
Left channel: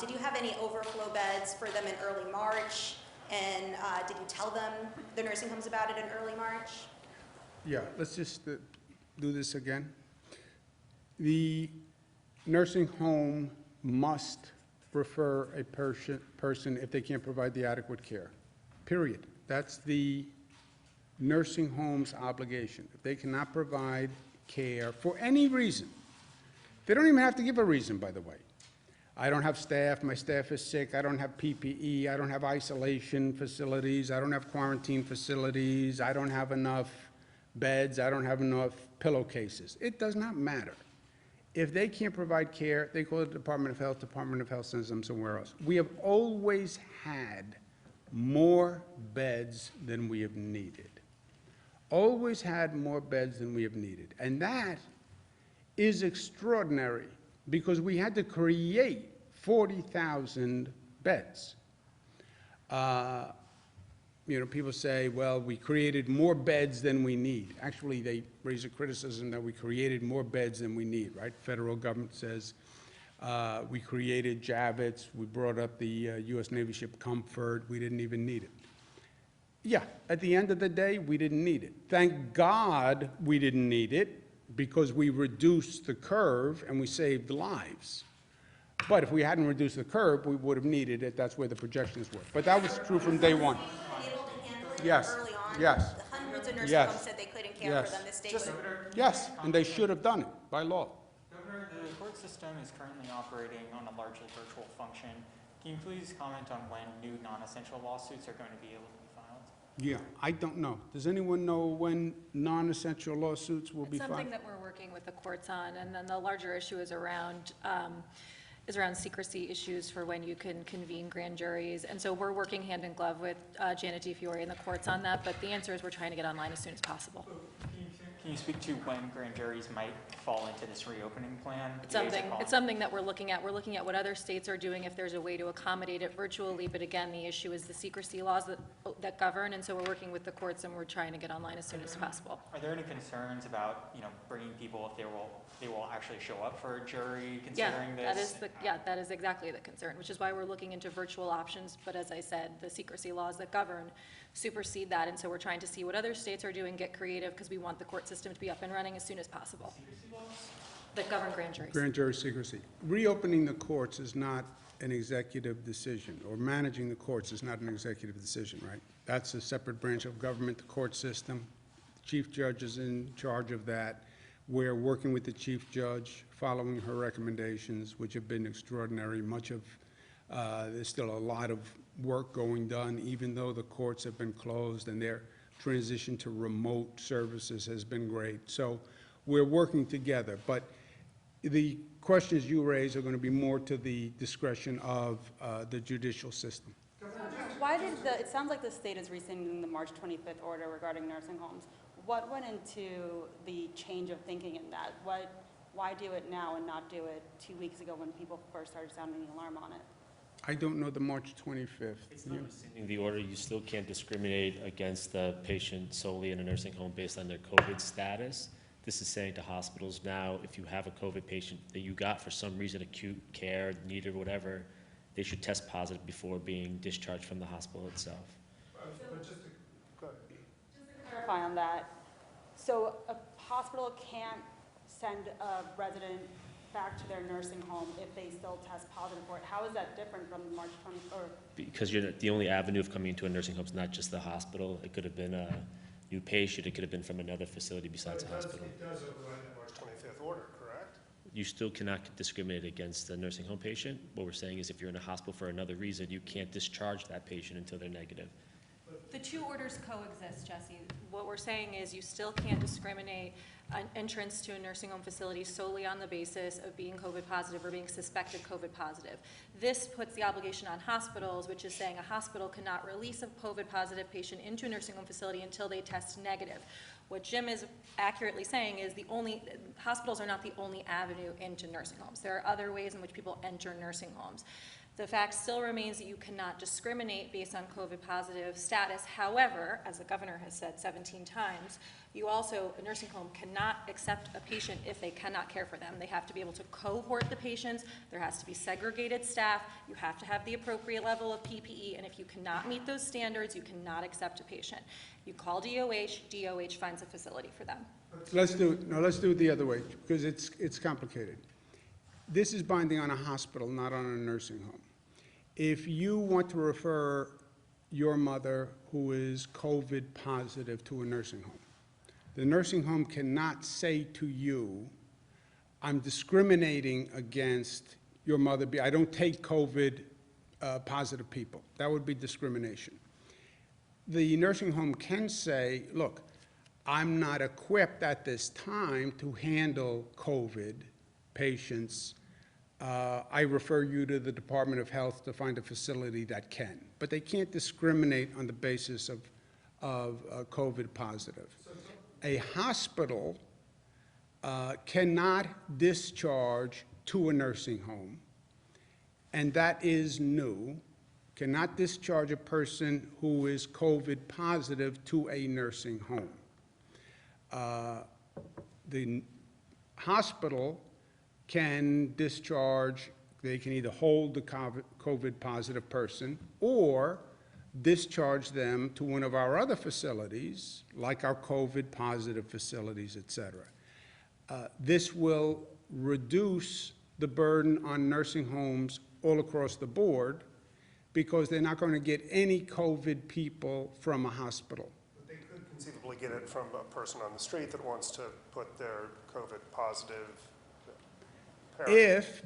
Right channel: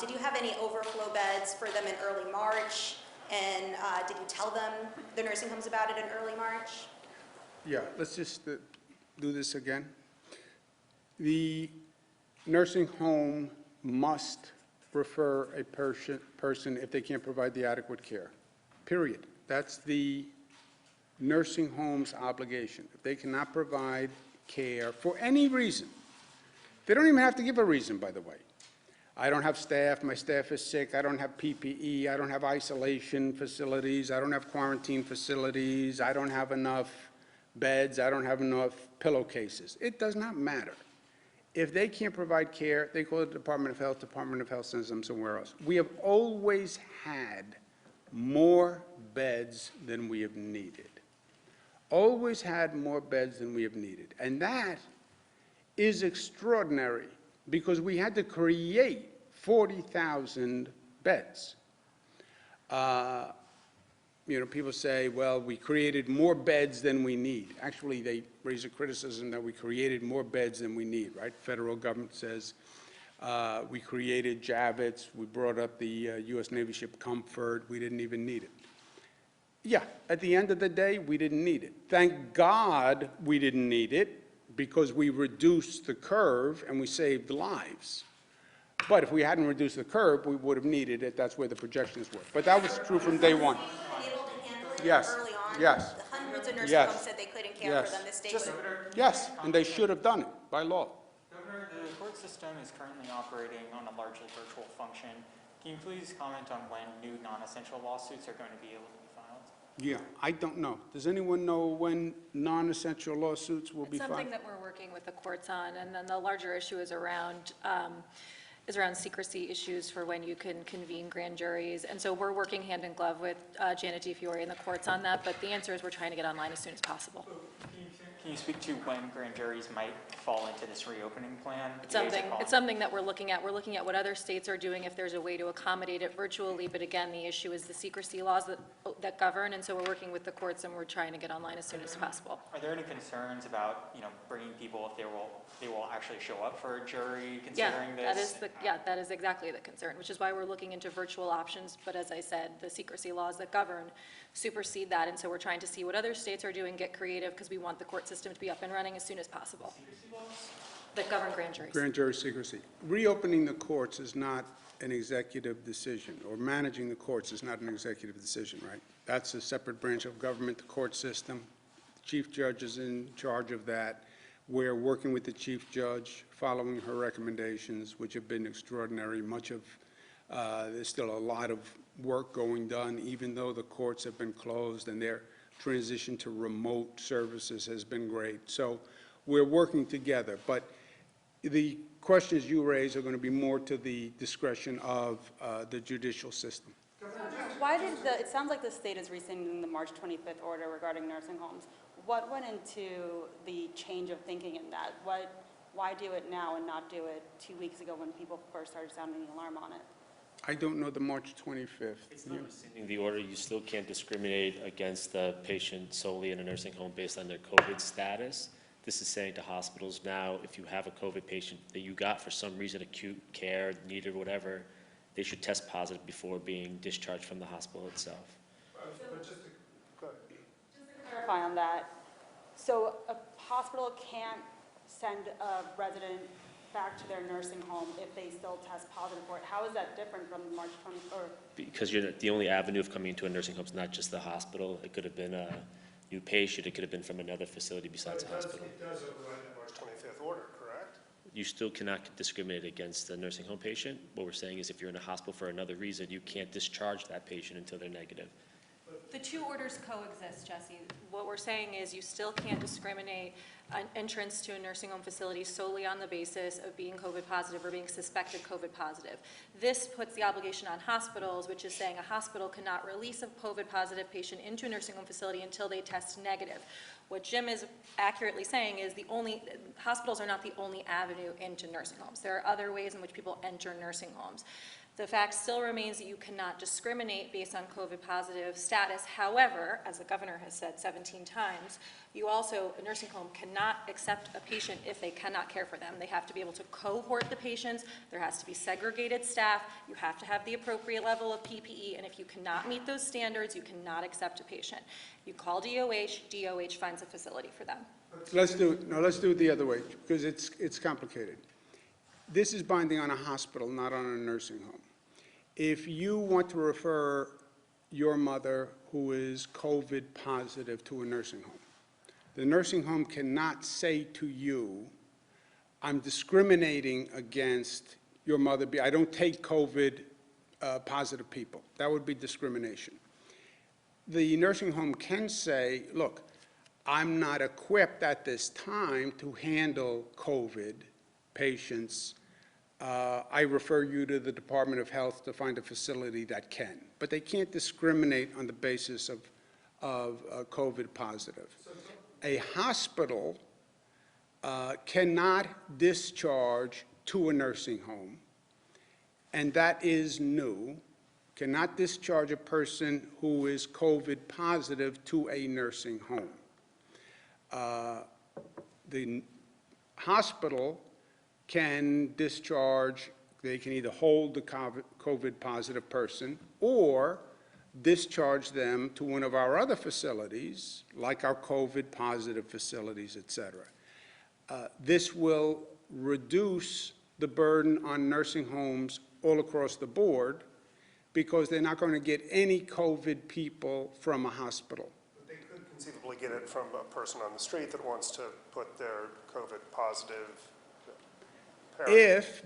Did you have any overflow beds for them in early March? And did you tell them, the nursing homes, about it in early March? Yeah, let's just do this again. The nursing home must refer a person if they can't provide the adequate care, period. That's the nursing home's obligation. If they cannot provide care for any reason, they don't even have to give a reason, by the way. I don't have staff, my staff is sick, I don't have PPE, I don't have isolation facilities, I don't have quarantine facilities, I don't have enough beds, I don't have enough pillowcases. It does not matter. If they can't provide care, they call the Department of Health sends them somewhere else. We have always had more beds than we have needed. Always had more beds than we have needed. And that is extraordinary because we had to create 40,000 beds. People say, well, we created more beds than we need. Actually, they raise a criticism that we created more beds than we need, right? Federal government says we created Javits, we brought up the U.S. Navy ship Comfort, we didn't even need it. Yeah, at the end of the day, we didn't need it. Thank God we didn't need it because we reduced the curve and we saved lives. But if we hadn't reduced the curve, we would have needed it. That's where the projections were. But that was true from day one. Able to handle it Yes, early on? yes. The hundreds of nursing Yes. homes said they couldn't care Yes. for them. The state would Yes, and they should have done it by law. Governor, the court system is currently operating on a largely virtual function. Can you please comment on when new non-essential lawsuits are going to be able to be filed? Yeah, I don't know. Does anyone know when non-essential lawsuits will be It's filed? something that we're working with the courts on, and then the larger issue is around secrecy issues for when you can convene grand juries. And so we're working hand in glove with Janet DiFiore and the courts on that, but the answer is we're trying to get online as soon as possible. Can you speak to when grand juries might fall into this reopening plan? It's something that we're looking at. We're looking at what other states are doing, if there's a way to accommodate it virtually, but again, the issue is the secrecy laws that govern, and so we're working with the courts and we're trying to get online as soon as possible. Are there any concerns about, bringing people if they will actually show up for a jury considering this? That is exactly the concern, which is why we're looking into virtual options, but as I said, the secrecy laws that govern supersede that, and so we're trying to see what other states are doing, get creative, because we want the court system to be up and running as soon as possible. That govern grand juries. Grand jury secrecy. Reopening the courts is not an executive decision, or managing the courts is not an executive decision, right? That's a separate branch of government, the court system. The chief judge is in charge of that. We're working with the chief judge, following her recommendations, which have been extraordinary. There's still a lot of work going done, even though the courts have been closed, and their transition to remote services has been great. So we're working together, but the questions you raise are going to be more to the discretion of the judicial system. Why did it sounds like the state is rescinding the March 25th order regarding nursing homes. What went into the change of thinking in that? Why do it now and not do it 2 weeks ago when people first started sounding the alarm on it? I don't know the March 25th. It's not rescinding the order. You still can't discriminate against the patient solely in a nursing home based on their COVID status. This is saying to hospitals now, if you have a COVID patient that you got for some reason acute care, needed, whatever, they should test positive before being discharged from the hospital itself. But just to, go ahead. Just to clarify on that, so a hospital can't send a resident back to their nursing home if they still test positive for it. How is that different from March 20, or? Because the only avenue of coming into a nursing home is not just the hospital. It could have been a new patient. It could have been from another facility besides the hospital. It does override the March 25th order, correct? You still cannot discriminate against a nursing home patient. What we're saying is if you're in a hospital for another reason, you can't discharge that patient until they're negative. The two orders coexist, Jesse. What we're saying is you still can't discriminate an entrance to a nursing home facility solely on the basis of being COVID positive or being suspected COVID positive. This puts the obligation on hospitals, which is saying a hospital cannot release a COVID positive patient into a nursing home facility until they test negative. What Jim is accurately saying is hospitals are not the only avenue into nursing homes. There are other ways in which people enter nursing homes. The fact still remains that you cannot discriminate based on COVID positive status. However, as the governor has said 17 times, a nursing home cannot accept a patient if they cannot care for them. They have to be able to cohort the patients. There has to be segregated staff. You have to have the appropriate level of PPE, and if you cannot meet those standards, you cannot accept a patient. You call DOH, DOH finds a facility for them. Let's do it the other way, because it's complicated. This is binding on a hospital, not on a nursing home. If you want to refer your mother who is COVID positive to a nursing home, the nursing home cannot say to you, I'm discriminating against your mother. I don't take COVID positive people. That would be discrimination. The nursing home can say, look, I'm not equipped at this time to handle COVID patients. I refer you to the Department of Health to find a facility that can. But they can't discriminate on the basis of COVID positive. A hospital cannot discharge to a nursing home, and that is new, cannot discharge a person who is COVID positive to a nursing home. The hospital can discharge, they can either hold the COVID positive person or discharge them to one of our other facilities, like our COVID positive facilities, et cetera. This will reduce the burden on nursing homes all across the board because they're not going to get any COVID people from a hospital. But they could conceivably get it from a person on the street that wants to put their COVID positive parent. If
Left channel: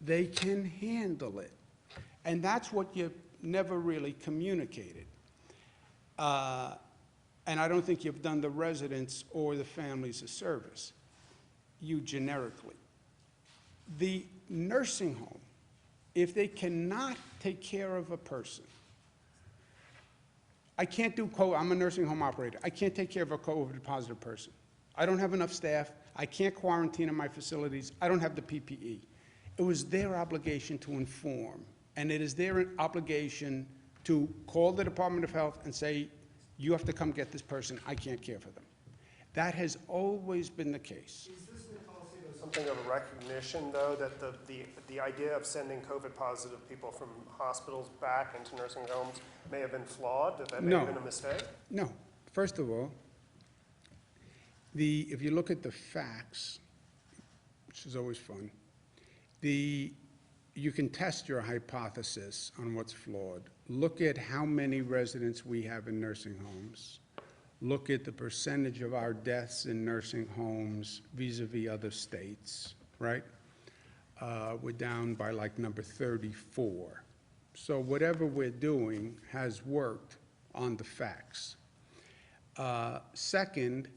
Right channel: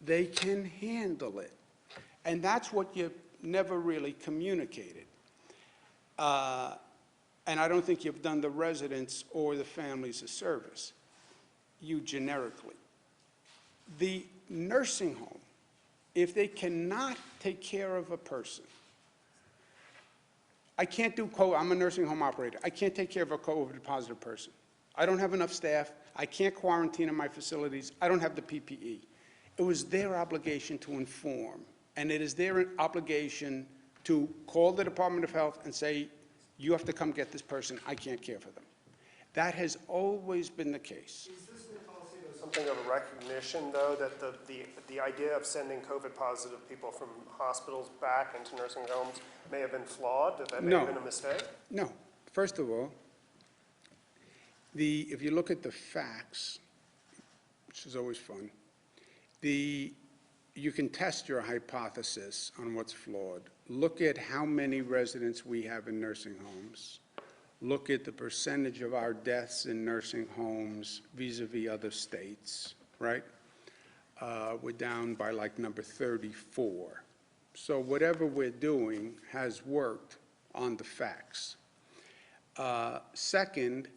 they can handle it. And that's what you never really communicated. And I don't think you've done the residents or the families a service, you generically. The nursing home, if they cannot take care of a person, I can't do I'm a nursing home operator. I can't take care of a COVID positive person. I don't have enough staff. I can't quarantine in my facilities. I don't have the PPE. It was their obligation to inform, and it is their obligation to call the Department of Health and say, you have to come get this person. I can't care for them. That has always been the case. Is this new policy something of a recognition, though, that the idea of sending COVID positive people from hospitals back into nursing homes may have been flawed, that may have been a mistake? No. First of all, if you look at the facts, which is always fun, you can test your hypothesis on what's flawed. Look at how many residents we have in nursing homes. Look at the percentage of our deaths in nursing homes vis-a-vis other states, right? We're down by like number 34. So whatever we're doing has worked on the facts. Second,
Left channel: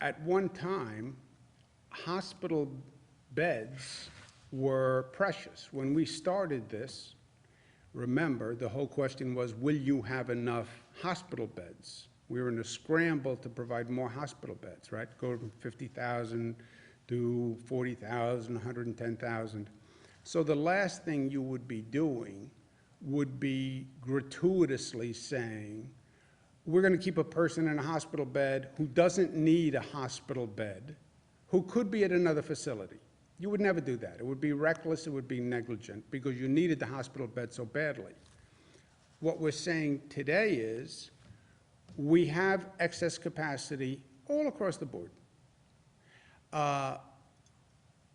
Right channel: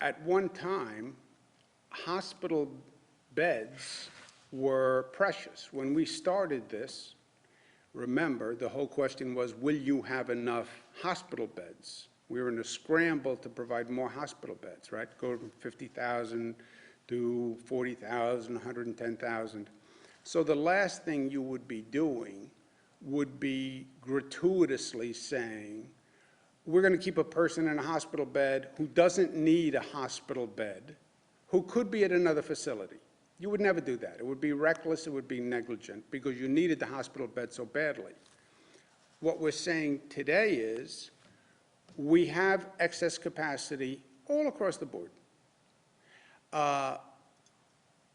at one time, hospital beds were precious. When we started this, remember, the whole question was, will you have enough hospital beds? We were in a scramble to provide more hospital beds, right? Go from 50,000 to 40,000, 110,000. So the last thing you would be doing would be gratuitously saying, we're going to keep a person in a hospital bed who doesn't need a hospital bed who could be at another facility. You would never do that. It would be reckless, it would be negligent, because you needed the hospital bed so badly. What we're saying today is, we have excess capacity all across the board.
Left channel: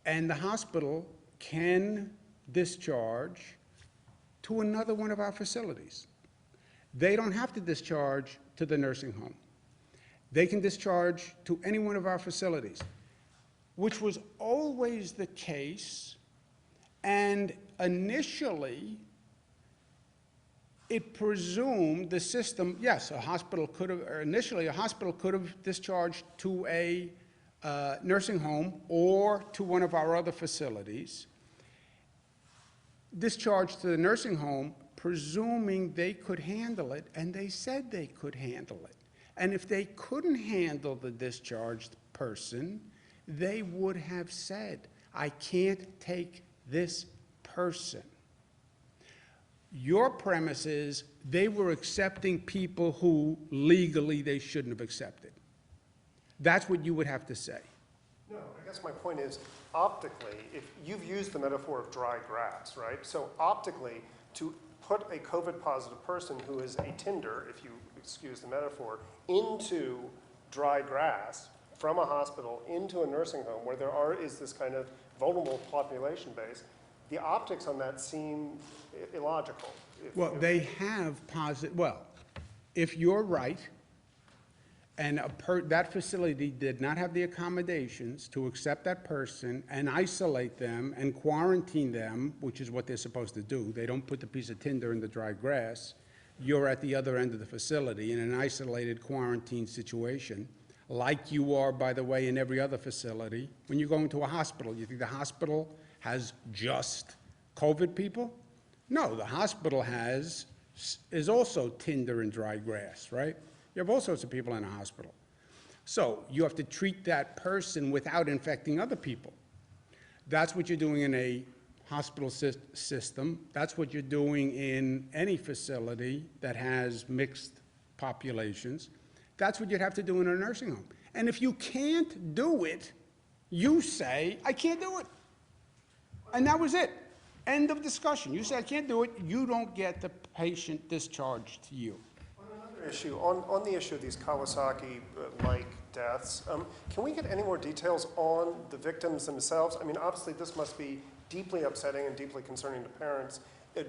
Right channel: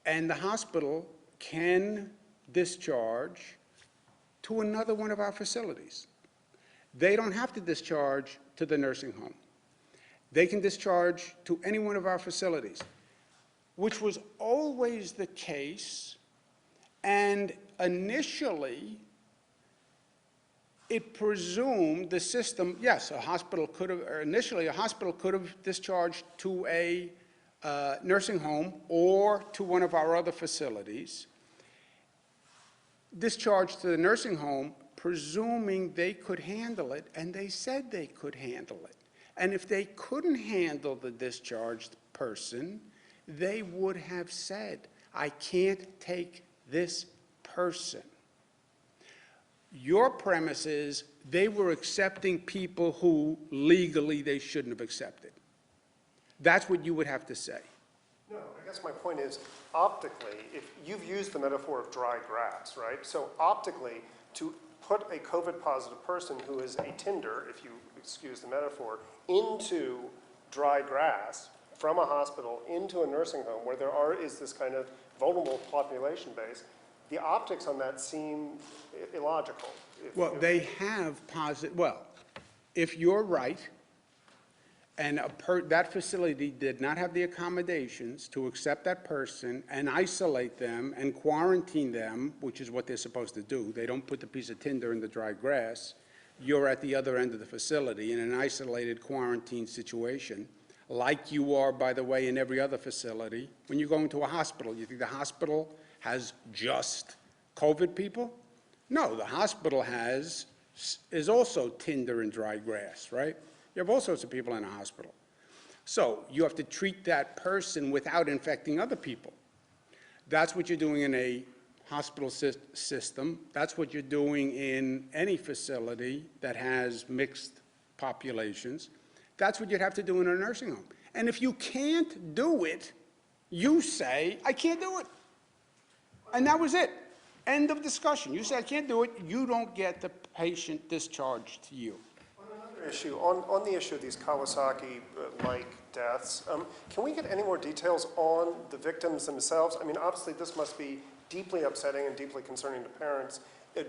And the hospital can discharge to another one of our facilities. They don't have to discharge to the nursing home. They can discharge to any one of our facilities, which was always the case. And initially, it presumed the system, yes, a hospital could have, or initially, a hospital could have discharged to a nursing home or to one of our other facilities, discharged to the nursing home, presuming they could handle it, and they said they could handle it. And if they couldn't handle the discharged person, they would have said, I can't take this person. Your premise is they were accepting people who legally they shouldn't have accepted. That's what you would have to say. No, I guess my point is, optically, if you've used the metaphor of dry grass, right? So optically, to put a COVID-positive person who is a tinder, if you excuse the metaphor, into dry grass from a hospital into a nursing home where is this kind of vulnerable population base, the optics on that seem illogical. Well, they have well, if you're right, and that facility did not have the accommodations to accept that person and isolate them and quarantine them, which is what they're supposed to do. They don't put the piece of tinder in the dry grass. You're at the other end of the facility in an isolated quarantine situation, like you are, by the way, in every other facility. When you go into a hospital, you think the hospital has just COVID people? No, the hospital is also tinder and dry grass, right? You have all sorts of people in a hospital. So you have to treat that person without infecting other people. That's what you're doing in a hospital system. That's what you're doing in any facility that has mixed populations. That's what you'd have to do in a nursing home. And if you can't do it, you say, I can't do it. And that was it. End of discussion. You say, I can't do it. You don't get the patient discharged to you. Issue on the issue of these Kawasaki-like deaths, can we get any more details on the victims themselves? I mean, obviously, this must be deeply upsetting and deeply concerning to parents.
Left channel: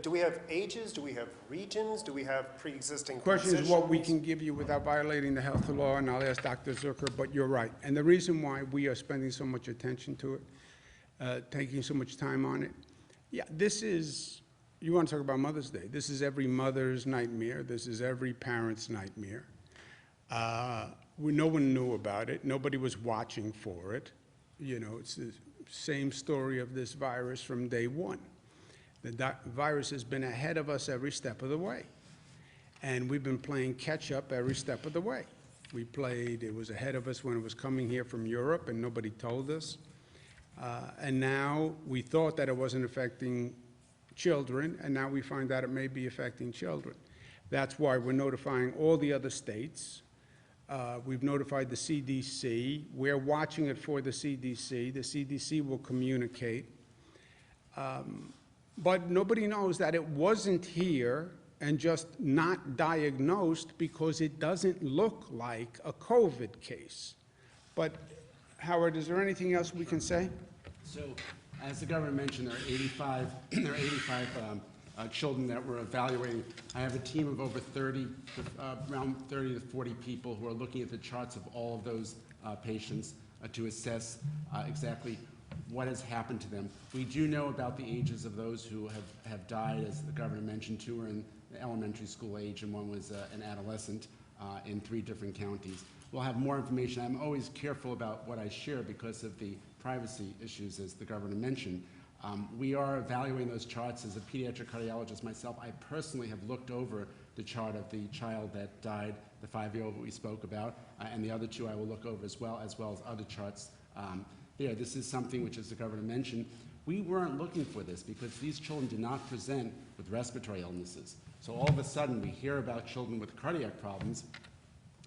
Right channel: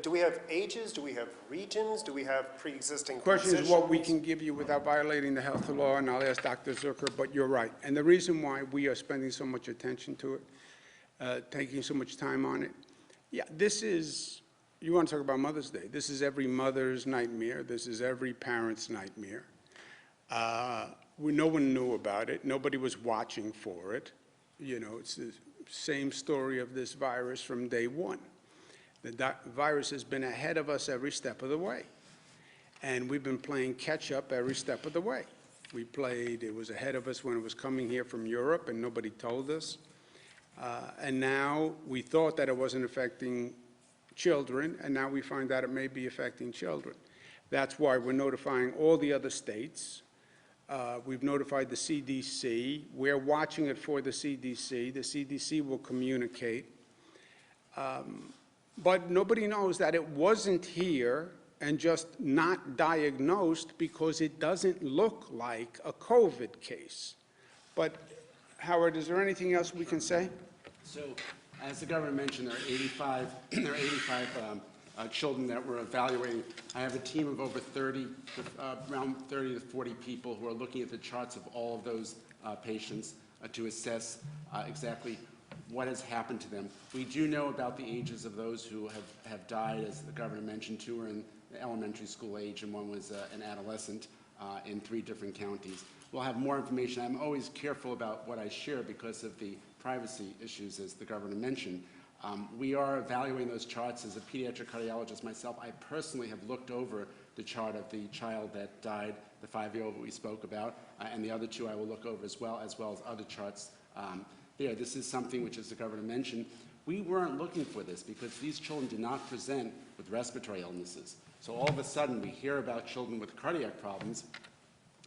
Do we have ages? Do we have regions? Do we have pre-existing Question conditions? is what we can give you without violating the health law, and I'll ask Dr. Zucker, but you're right. And the reason why we are spending so much attention to it, taking so much time on it, yeah, this is, you want to talk about Mother's Day. This is every mother's nightmare. This is every parent's nightmare. No one knew about it. Nobody was watching for it. You know, it's the same story of this virus from day one. The virus has been ahead of us every step of the way. And we've been playing catch up every step of the way. It was ahead of us when it was coming here from Europe and nobody told us. And now we thought that it wasn't affecting children, and now we find out it may be affecting children. That's why we're notifying all the other states. We've notified the CDC. We're watching it for the CDC. The CDC will communicate. But nobody knows that it wasn't here and just not diagnosed because it doesn't look like a COVID case. But Howard, is there anything else we can say? So, as the governor mentioned, there are 85 children that we're evaluating. I have a team of over 30, around 30 to 40 people who are looking at the charts of all of those patients to assess exactly what has happened to them. We do know about the ages of those who have died, as the governor mentioned. 2 were in the elementary school age and 1 was an adolescent in 3 different counties. We'll have more information. I'm always careful about what I share because of the privacy issues, as the governor mentioned. We are evaluating those charts. As a pediatric cardiologist myself, I personally have looked over the chart of the child that died, the 5-year-old that we spoke about, and the other 2 I will look over as well as other charts there. This is something which, as the governor mentioned, we weren't looking for this because these children did not present with respiratory illnesses. So all of a sudden, we hear about children with cardiac problems,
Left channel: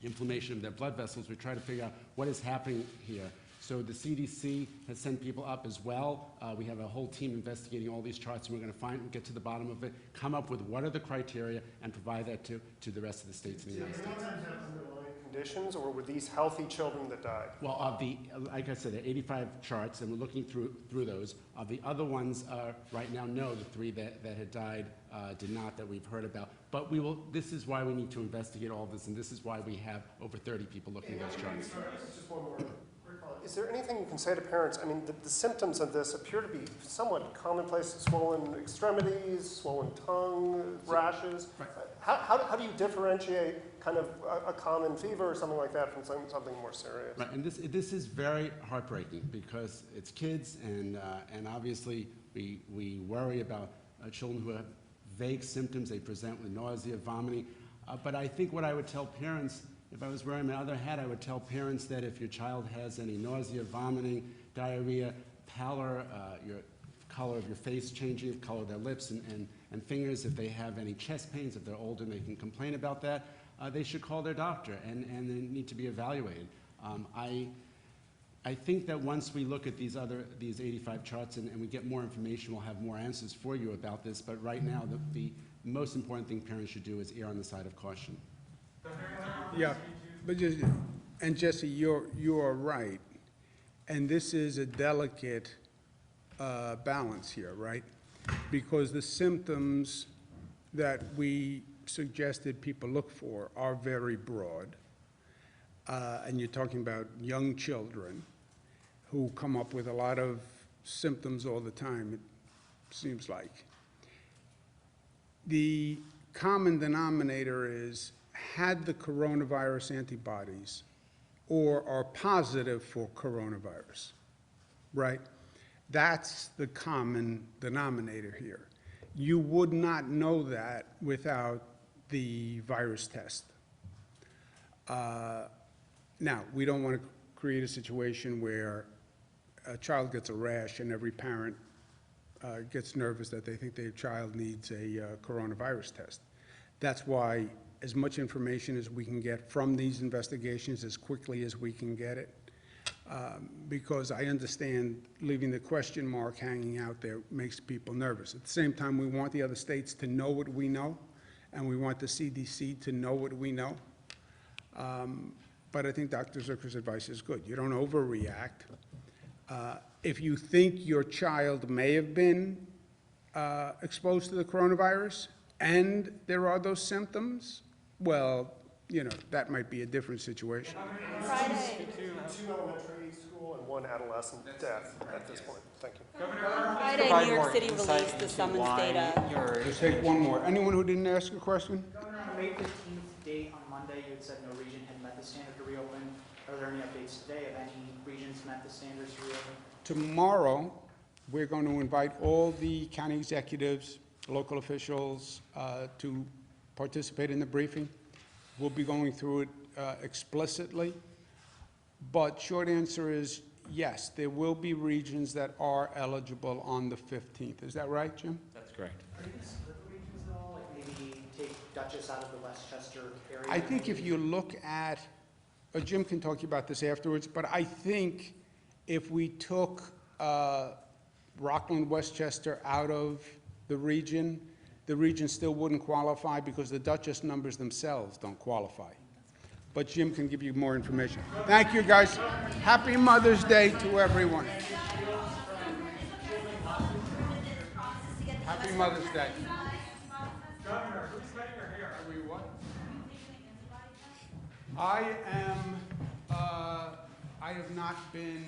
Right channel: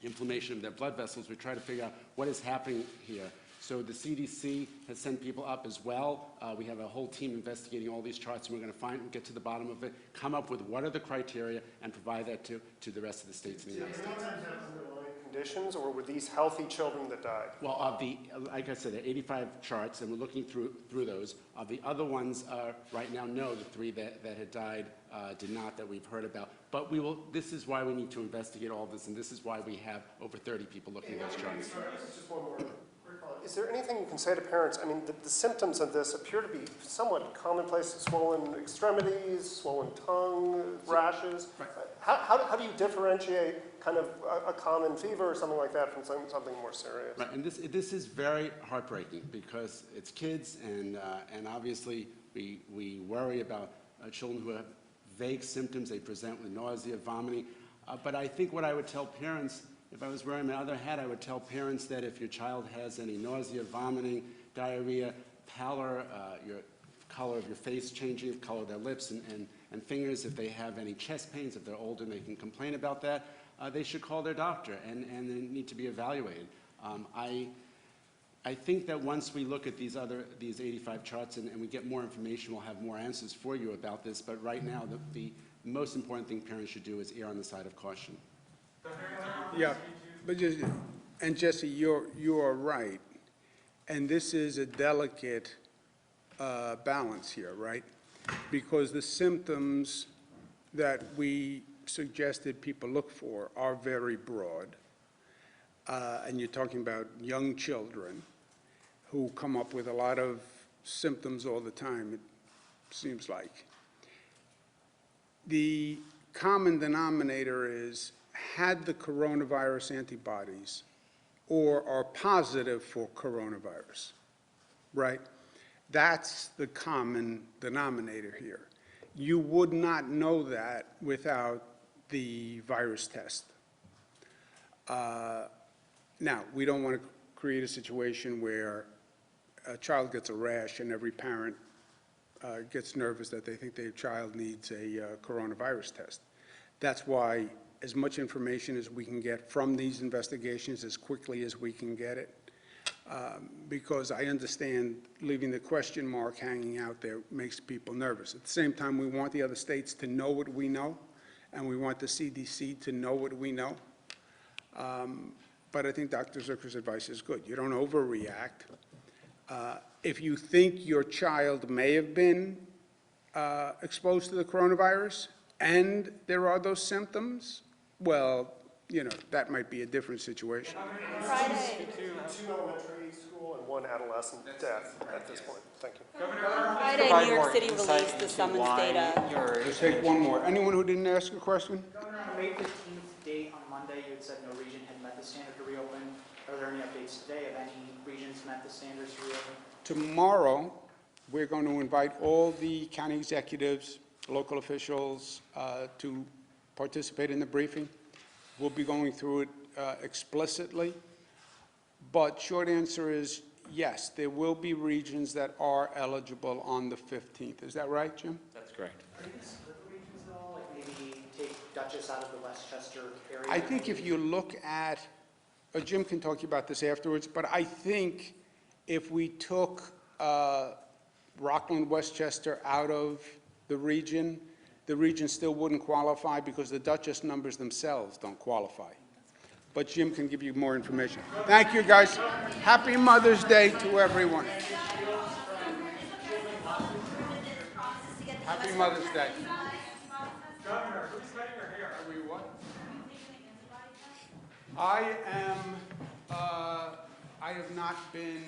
inflammation of their blood vessels. We try to figure out what is happening here. So the CDC has sent people up as well. We have a whole team investigating all these charts, and we're going to get to the bottom of it, come up with what are the criteria, and provide that to the rest of the states in the United States. Conditions, or were these healthy children that died? Well, like I said, there are 85 charts, and we're looking through those. The other ones right now know the 3 that had died did not, that we've heard about. But this is why we need to investigate all this, and this is why we have over 30 people looking at those charts. Just one more. Is there anything you can say to parents? I mean, the symptoms of this appear to be somewhat commonplace: swollen extremities, swollen tongue, rashes. Right. How do you differentiate kind of a common fever or something like that from something more serious? Right, and this is very heartbreaking because it's kids, and obviously we worry about children who have vague symptoms. They present with nausea, vomiting. But I think what I would tell parents, if I was wearing my other hat, I would tell parents that if your child has any nausea, vomiting, diarrhea, pallor, your color of your face changing, the color of their lips and fingers, if they have any chest pains, if they're older and they can complain about that, they should call their doctor and they need to be evaluated. I think that once we look at these 85 charts and we get more information, we'll have more answers for you about this. But right now, the most important thing parents should do is err on the side of caution. Yeah, but Jesse, you are right, and this is a delicate balance here, right? Because the symptoms that we suggested people look for are very broad, and you're talking about young children who come up with a lot of symptoms all the time, it seems like. The common denominator is had the coronavirus antibodies or are positive for coronavirus, right? That's the common denominator here. You would not know that without the virus test. Now, we don't want to create a situation where a child gets a rash and every parent gets nervous that they think their child needs a coronavirus test. That's why as much information as we can get from these investigations as quickly as we can get it, because I understand leaving the question mark hanging out there makes people nervous. At the same time, we want the other states to know what we know, and we want the CDC to know what we know. But I think Dr. Zucker's advice is good. You don't overreact. If you think your child may have been exposed to the coronavirus and there are those symptoms, well, you know, that might be a different situation. Friday. 2 elementary school and 1 adolescent death at this point. Thank you. Friday, New York City released the summons data. Just take one more. Anyone who didn't ask a question? Governor, on May 15th date on Monday, you had said no region had met the standard to reopen. Are there any updates today? Have any regions met the standards to reopen? Tomorrow, we're going to invite all the county executives, local officials to participate in the briefing. We'll be going through it explicitly. But short answer is yes, there will be regions that are eligible on the 15th. Is that right, Jim? That's correct. Are you going to split the regions at all? Like maybe take Dutchess out of the Westchester area? I think if you look at, Jim can talk to you about this afterwards, but I think if we took Rockland, Westchester out of the region still wouldn't qualify because the Dutchess numbers themselves don't qualify. But Jim can give you more information. Thank you, guys. Happy Mother's Day to everyone. Happy Mother's Day. Governor, who's cutting your hair? Are we what? I have not been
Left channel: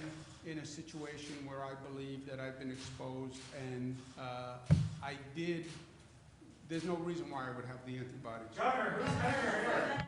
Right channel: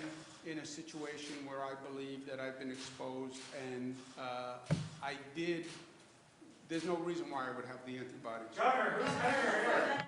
in a situation where I believe that I've been exposed, and there's no reason why I would have the antibodies. Governor, who's cutting your hair?